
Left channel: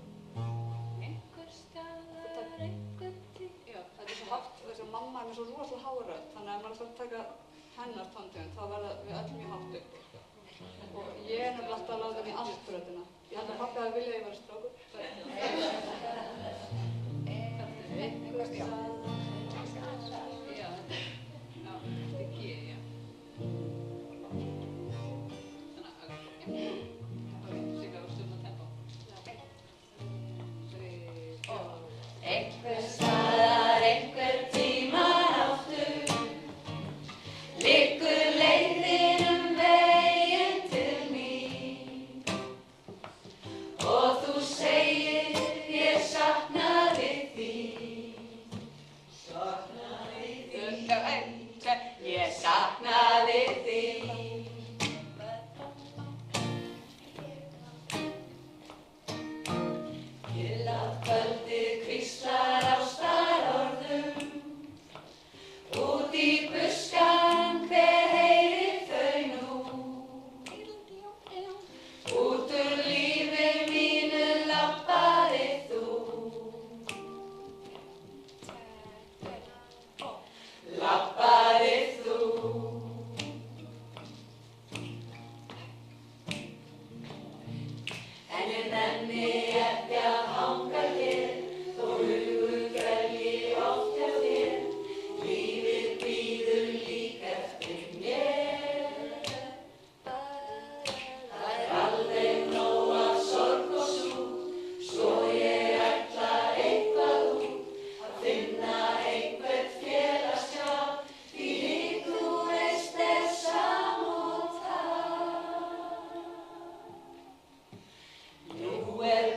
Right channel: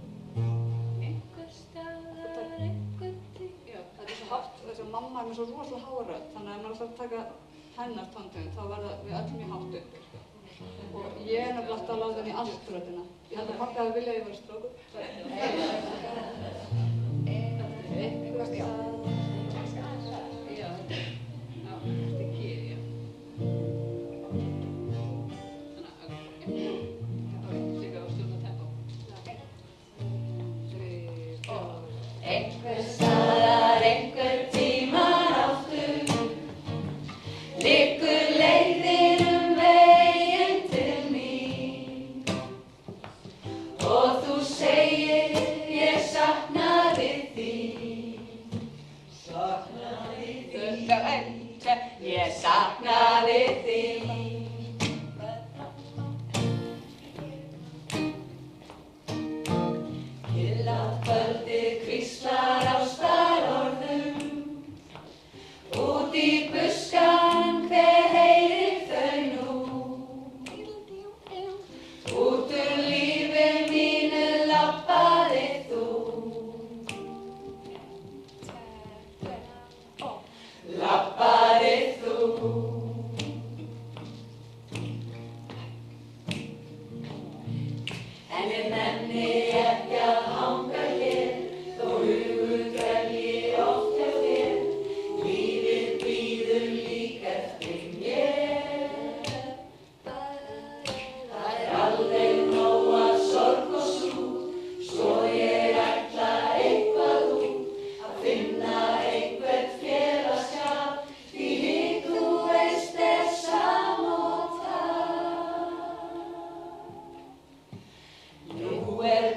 Þetta svo hátt, þess að mamma með svo rosalega há rödd, þannig að ef maður ætlar að taka hennar tóntegund, þá verða við öll mjög hátt uppi. Og ég nefnilega alltaf að láta henni í allt röddina. Ég held að pappi hafi viljað að ég væri strákur. Einhvers staðar, einhver tímann aftur, liggur leiðin veginn til mín. Og þú segir, ég saknaði þín. Saknaði þín. Ég saknaði þín. Hvíslar ástarorðum, út í buskann, hver heyrir þau nú? Út lífi mínu labbaði þú. Labbaði þú. En ég nenni ekki að hanga hér, þó hugur dvelji oft hjá þér. Lífið bíður líka eftir mér. Það alveg nóg af sorg og súg, svo ég ætla eitthvað út, að finna einhvern félagsskap, því þú veist samóta. Nú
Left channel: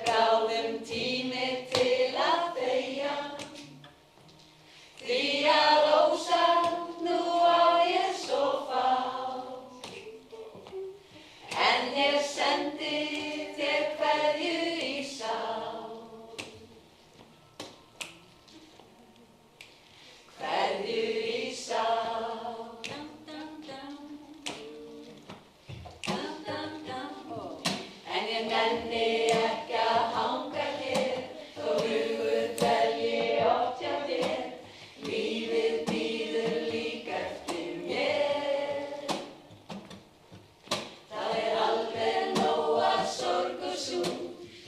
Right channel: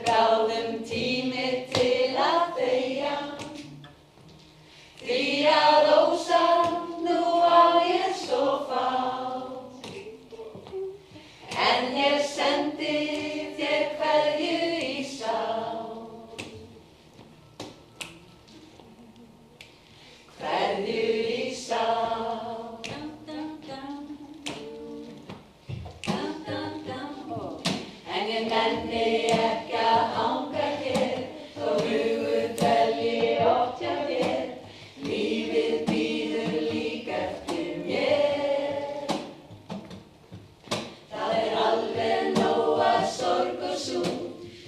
bráðum tími til að þegja, því að ósamt nú á ég svo fátt. En ég sendi þér kveðju í sátt. Kveðju í sátt. En ég nenni ekki að hanga hér, þó hugur dvelji oft hjá þér. Lífið bíður líka eftir mér. Það alveg nóg af sorg og súg,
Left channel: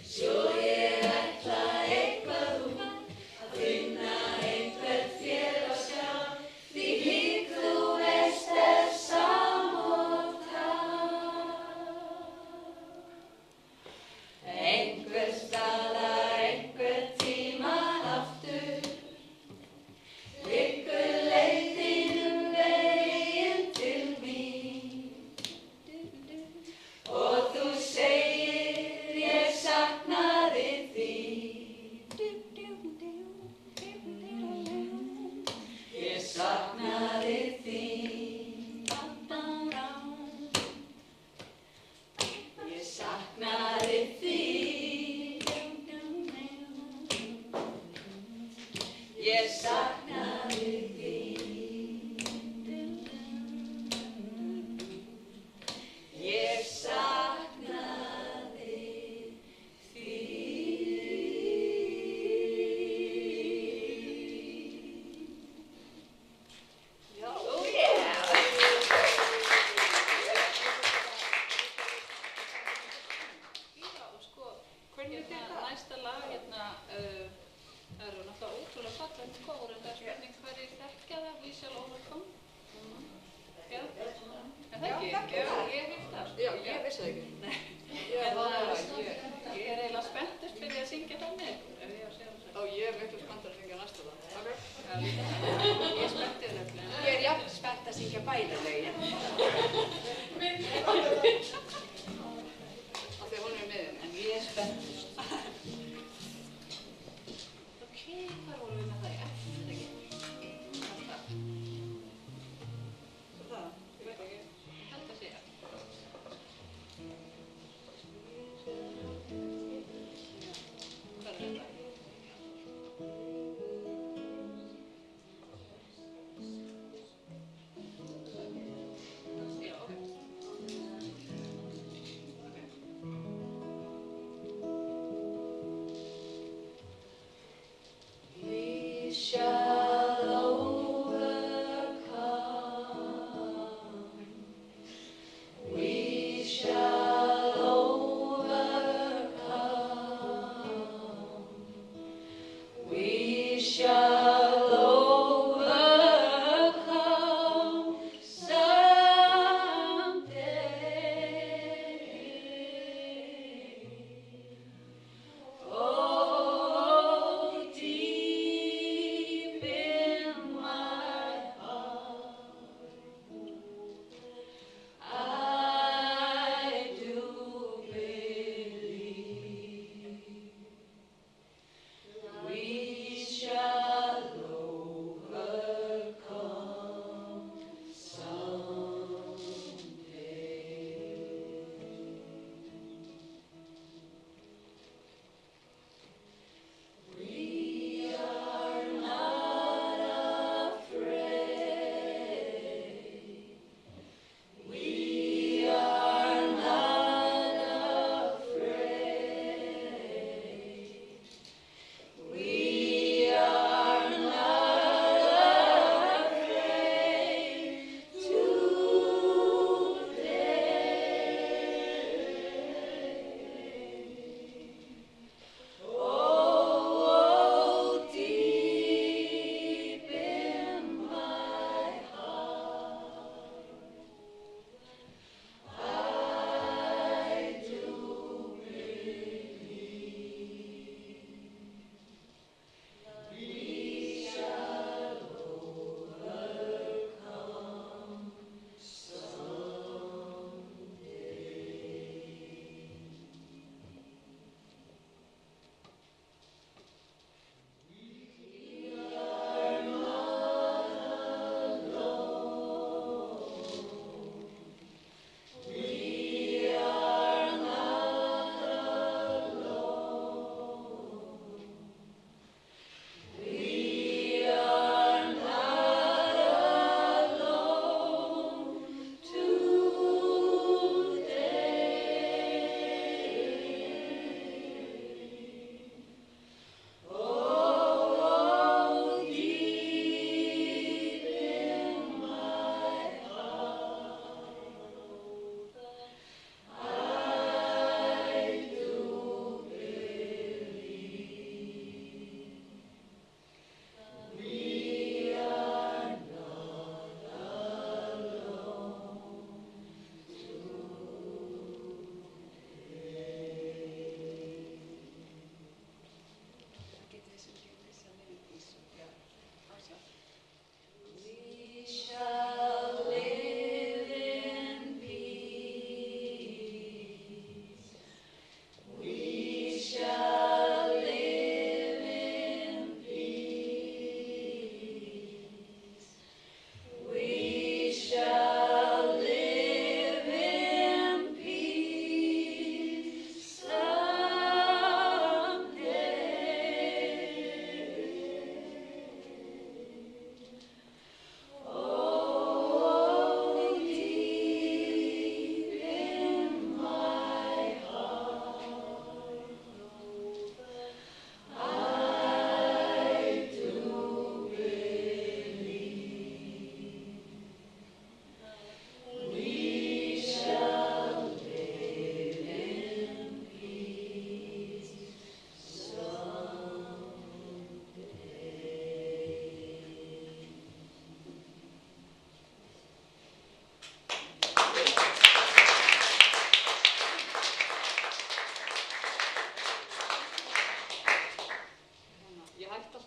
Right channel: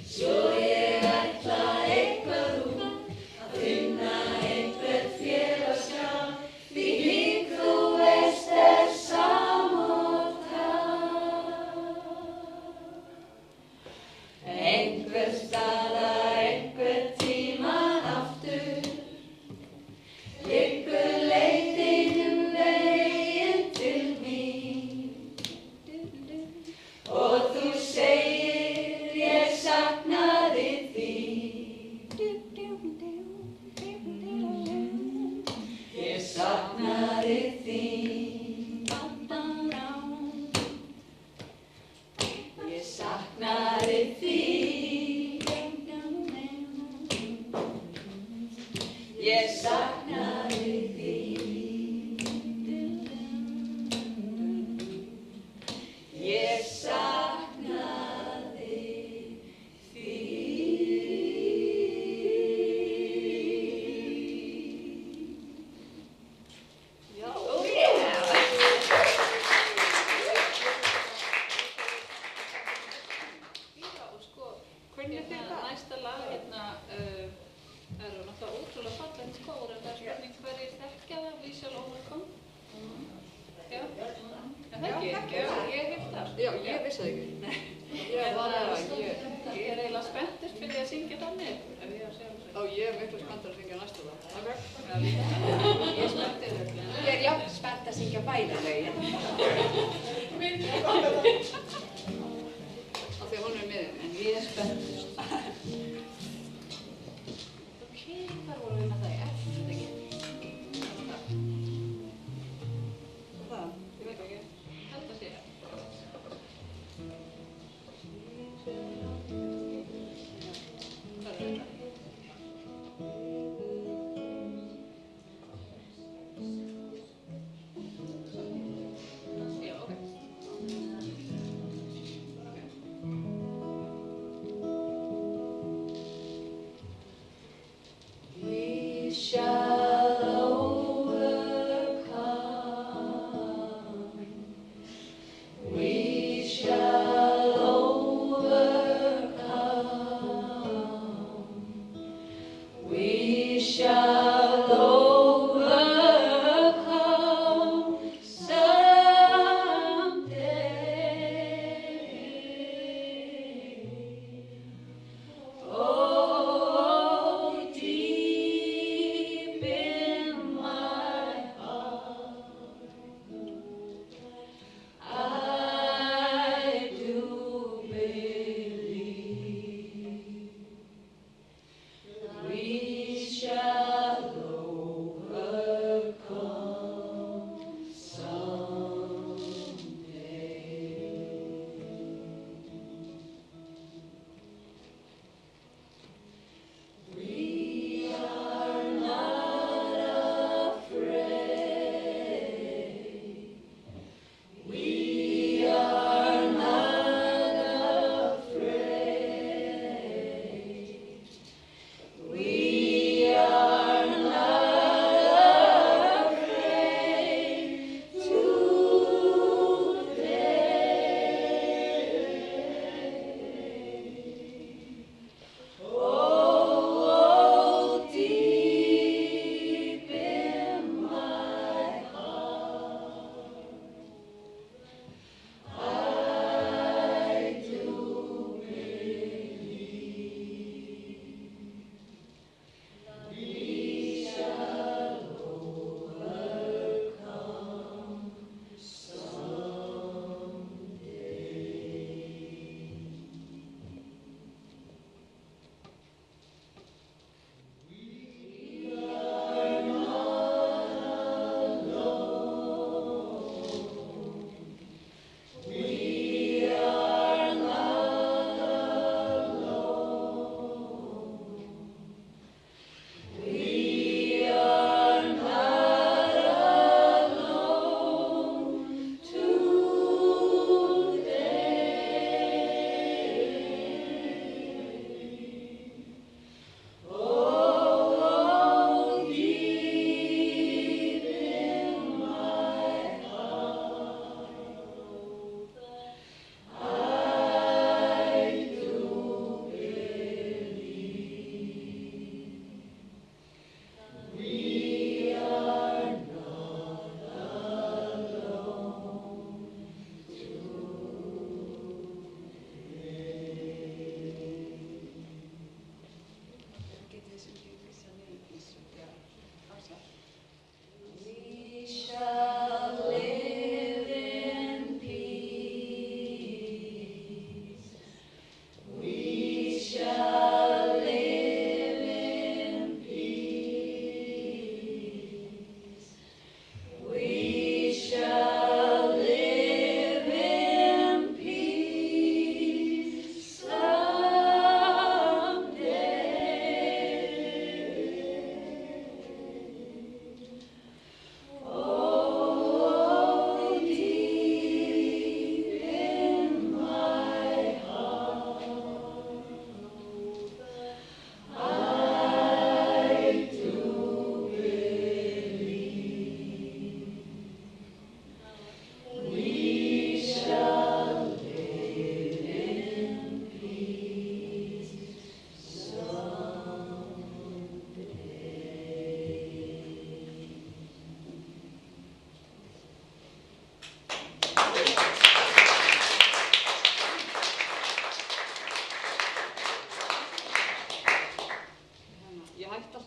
svo ég ætla eitthvað út, að finna einhvern félagsskap, því þú veist samóta. Einhvers staðar, einhver tímann aftur, liggur leiðin veginn til mín. Og þú segir, ég saknaði þín. Ég saknaði þín. Ég saknaði þín. Ég saknaði þín. Ég saknaði þín. Já. Oh yeah! Hvernig þér það? Næsta lag hérna eru náttúrulega ótrúlega fallegt skór en það er spurning hverju er miklu spenntur að syngja næsta lag. Ok? Ég er spennt. Ég er jafn spennt að syngja bæði lögin. Af því að hún er með henni. En ég er spennt. Ok, hvað vorum við með það í eftir, ekki? Það, ég veit ekki. Þetta sé ég. Hvað er þetta?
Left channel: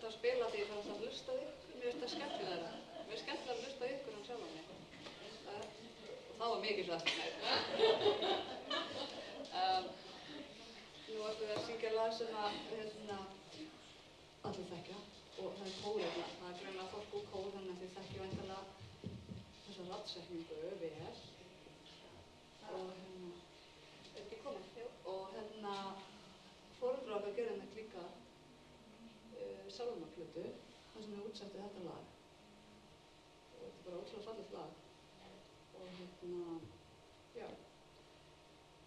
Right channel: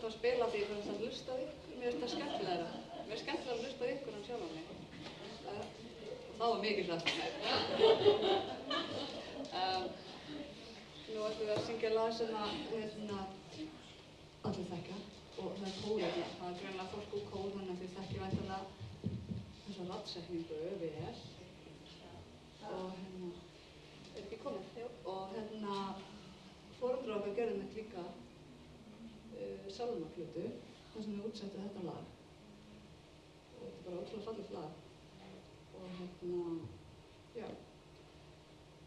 alltaf að spila því ég fyrir alltaf að hlusta á ykkur. Mér finnst það skemmtilegra. Mér er skemmtilega að hlusta á ykkur en sjálf á mig. Og þá var mikið sagt. Nú ætlum við að syngja lag sem að allir þekkja og það er kór hérna. Það er greinilega fólk úr kór þannig að þið þekkja væntanlega þessa raddsetningu vel. Og er ekki komið? Jú. Og foreldrar okkar gerði með líka sálmaplötu þar sem við útsettum þetta lag. Og þetta er bara ótrúlega fallegt lag. Og já,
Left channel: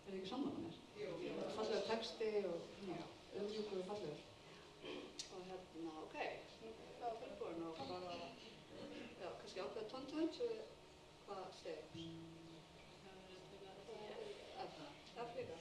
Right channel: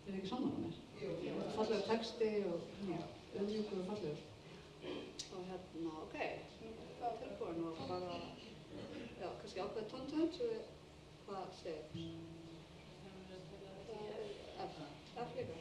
er ekki sammála mér? Jú. Fallegur texti og auðmjúkur og fallegur. Og ok, það er tilbúin og bara, já, kannski ákveða tóntönd svo við hvað steg. Það er F líka.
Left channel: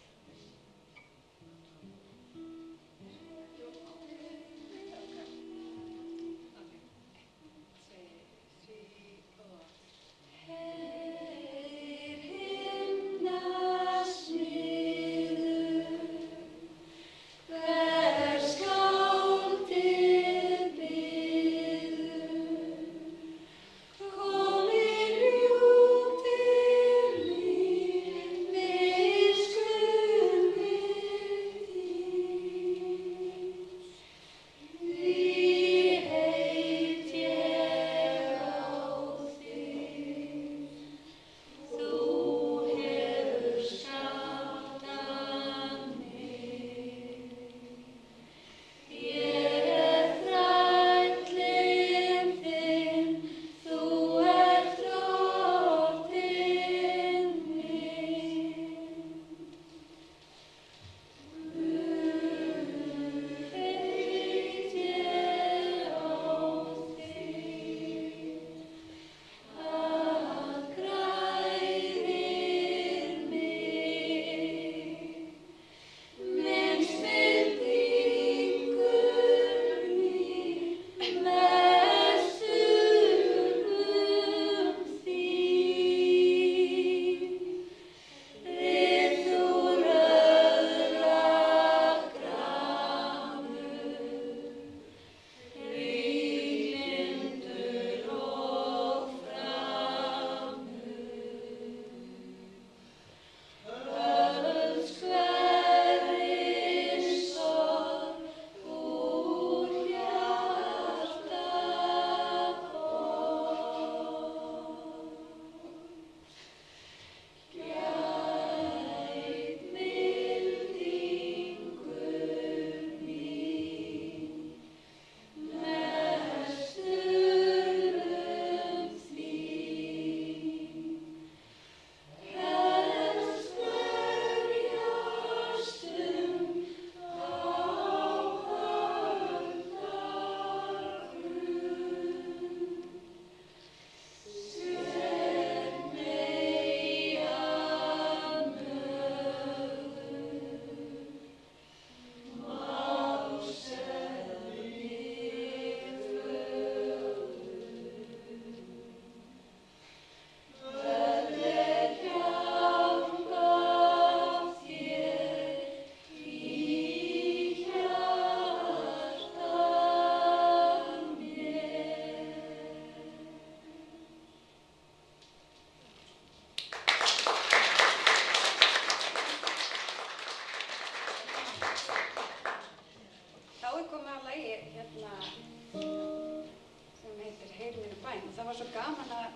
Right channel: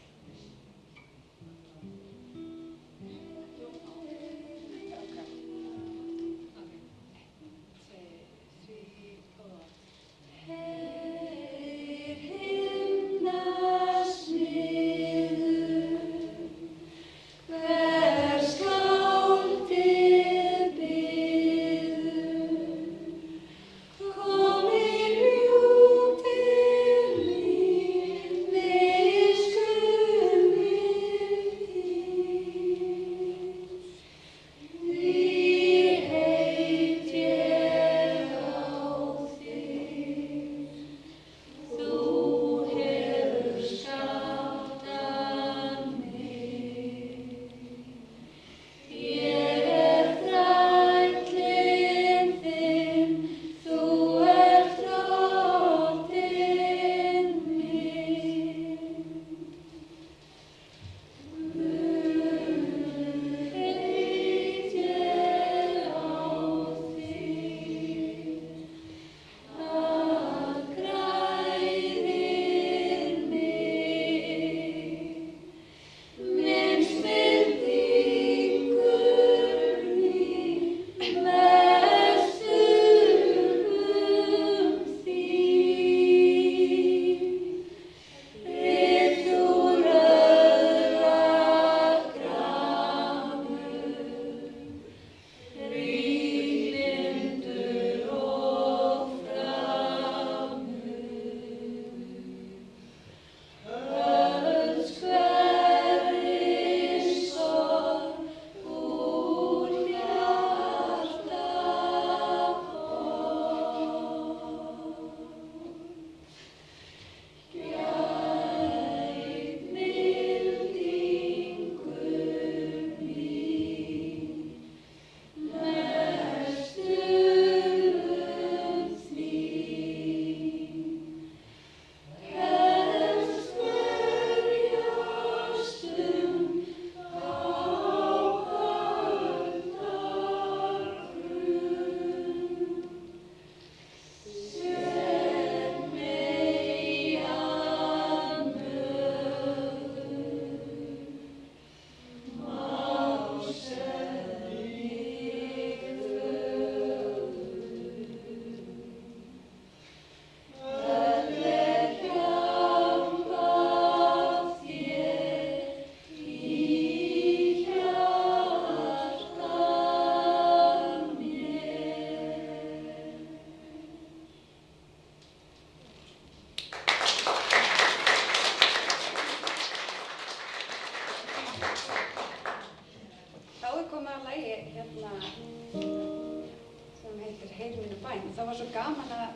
Það var svo gaman að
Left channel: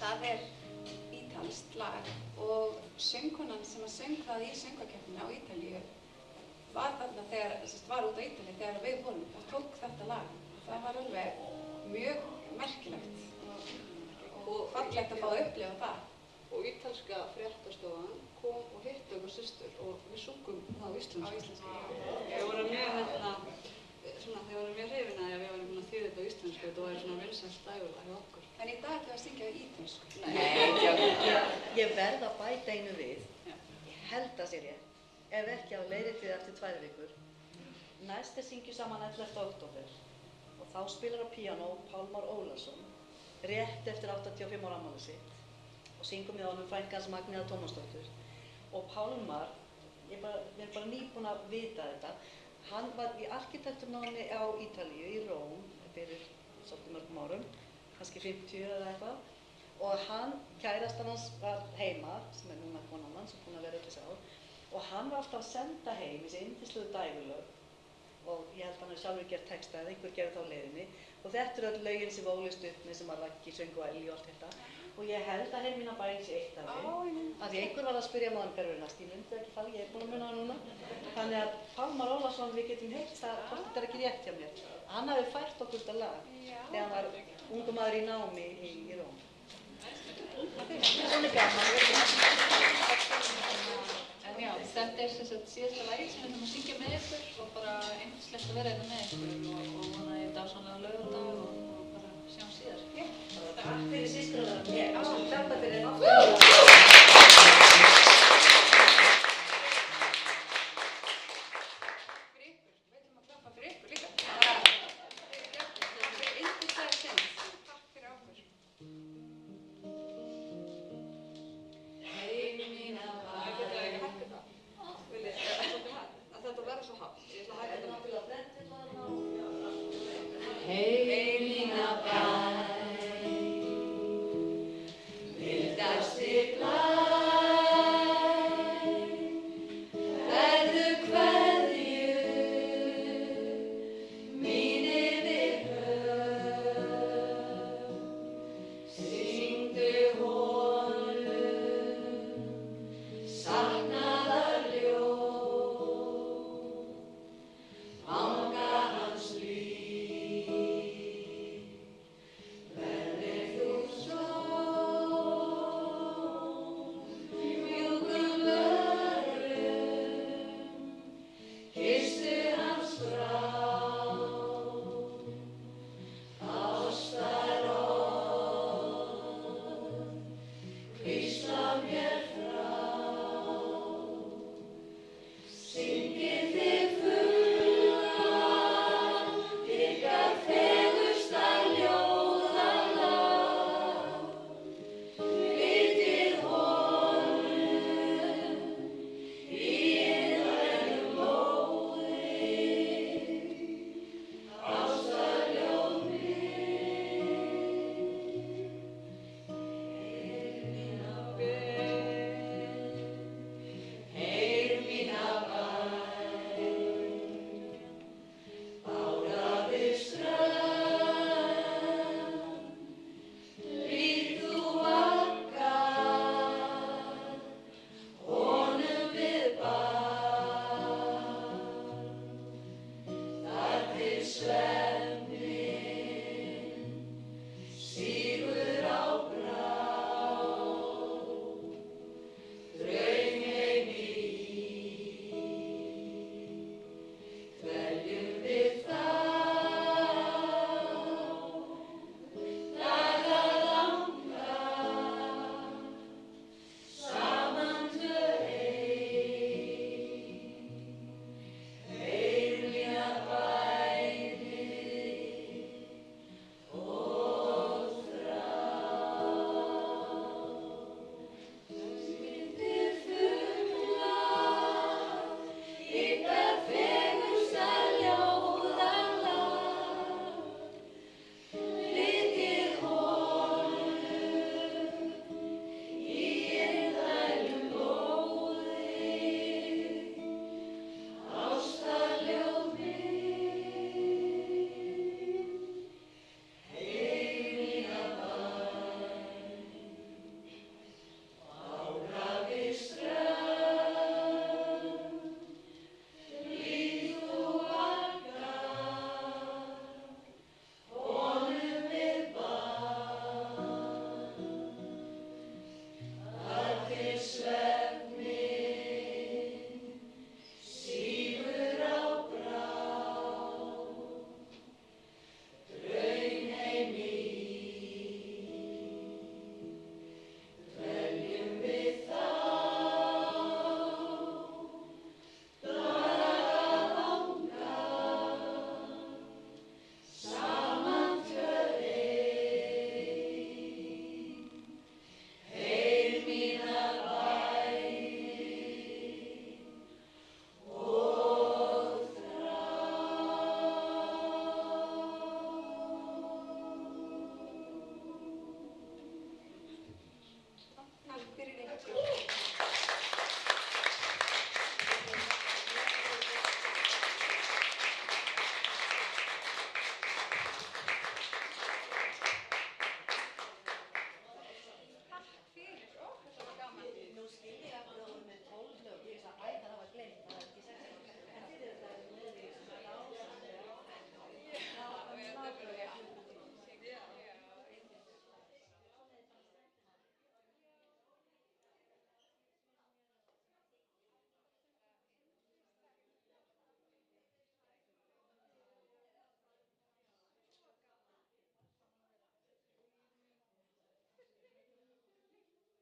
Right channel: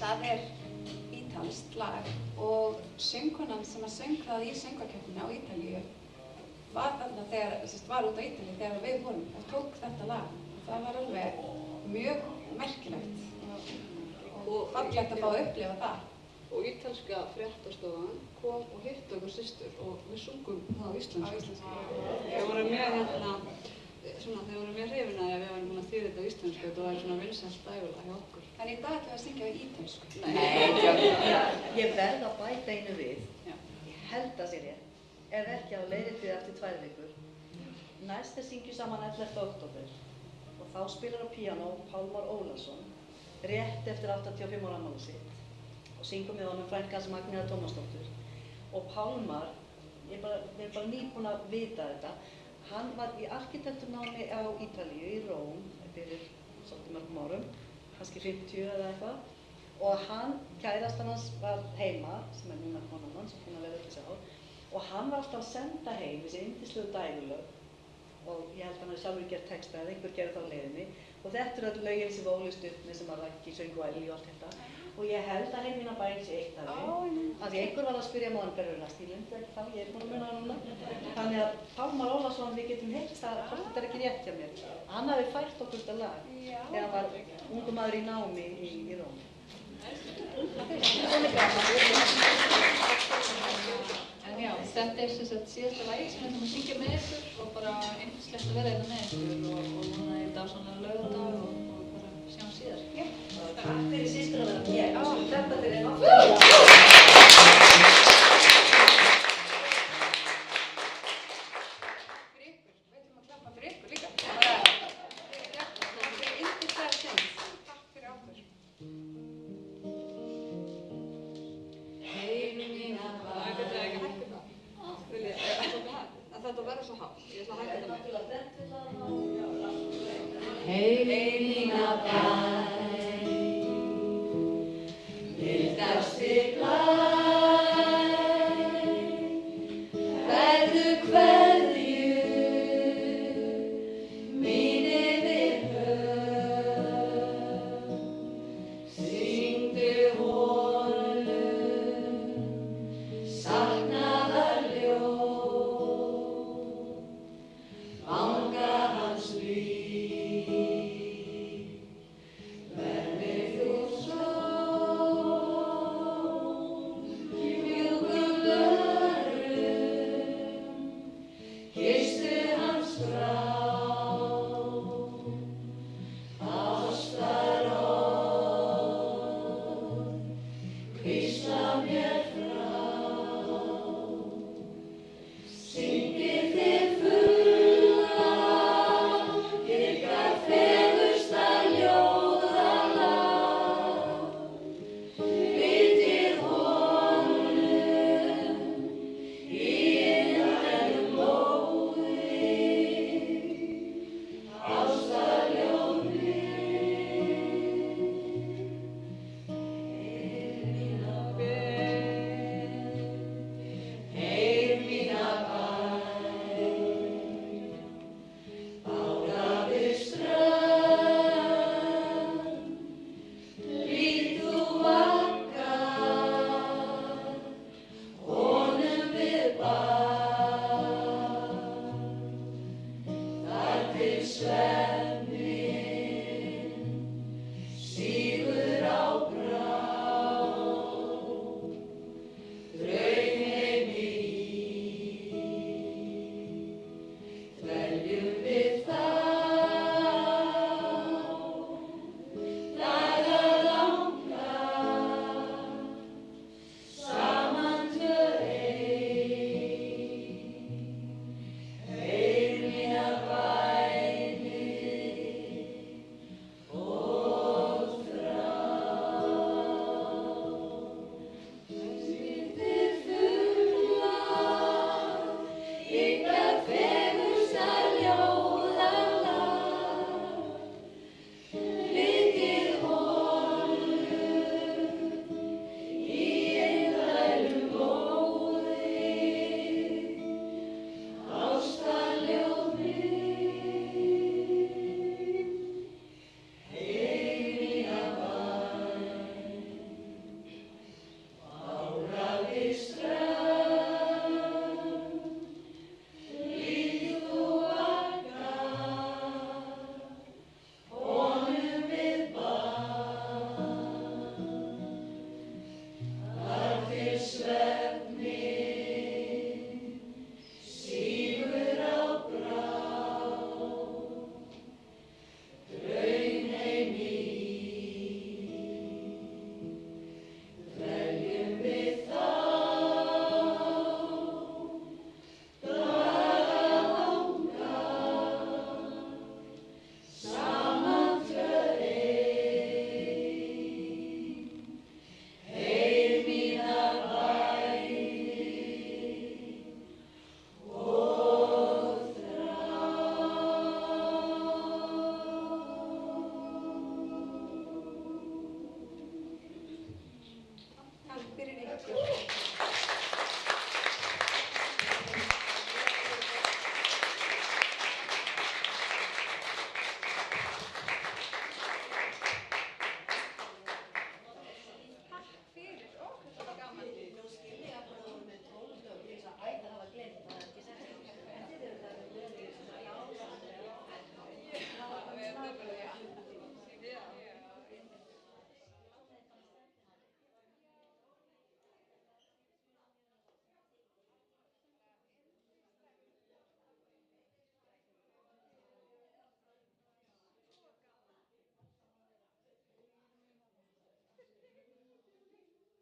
það ítalskt lag og söngkonan sem að söng það í söngvakeppninni á Ítalíu var þarna var út á Ítalíu þegar við vorum og tók þetta lag. Það var alveg mjög merkilegt og fallegt að fá að upplifa það. Og ítalska fréttastofan kom og hitti okkur systur og við sungum það á íslensku. Þau voru mjög hrifin að við varum búin að þýða þetta á íslensku. Þetta var svona vinsælt dægulag hjá okkur. En í dag ætlum við að syngja á ítölsku. Nei, ég verð að bæta einu við. Ég held að sé rétt. Ef ekki á leiðréttið eftir 2 vikur. Næst syngjum saman 11. október og þá spilar á píanó Pálmar Ólafsson rétt eftir 85 ára afmælið sitt og syngum með honum frænka hans Magnea Tómasdóttur. Og Pálmar, ég er bara nýbúin að vita þetta, hann var í arkitekturnámi á Ítalíu, í Róm, fyrir svolítið mörgum árum, kannski 50 eða eitthvað. Og hann, kærastan hans var heima, sem núna konan hans, búin að vera þessi ár. Og hann var alltaf að senda heim þessi yndislegu dægulög. Og ég held að hann sjálfur gert texta eða einhver gerði það á leiðinni. Og þetta öll lögin sem ólist upp með sem að Raggi söng og Elli og allt þetta. Og ég held að Heiminn á bæinn sé eitt af þeim. Af því einhver var að spyrja Mánabergurinn, ég myndi ekki þá, ég búin með hann núna. Þannig að Pálmar Ólafsson, við getum heilt það, þetta ekki rétt hjá mér. Hann hafði fært okkur þetta lag þegar hann var ungu maður í námi í Róm. En já, þetta sem sagt síðasta lagi sem við syngja með ykkur og bara einslegt að vera með ykkur og núna í dag svona laugardag og bara sjáum síðar. Já. Takk fyrir systurinn. Ég klappa þér einn aftur. Við ætlum að klappa fyrir ykkur líka. Takk fyrir yndislega sinn. Takk fyrir okkur. Þetta verður svo hátt. Ég ætla að hækka þetta. Heiminn á bæ, mildasti blær, kveðju kveðju mín yfir höf, syngdu honum saknaðar ljóð, vanga hans líf, verði þú sól, mjúkum lörum, kysstu hans brá, ástarorð, hvísla mér frá, syngið þið fulla, ykkar fegursta ljóðalag, flytjið honum í einlægum móði, ástarljóð mitt, Heiminn á bæ, Heiminn á bæ, bára við strönd, lít þú vakkar, honum við bar, þar til svefn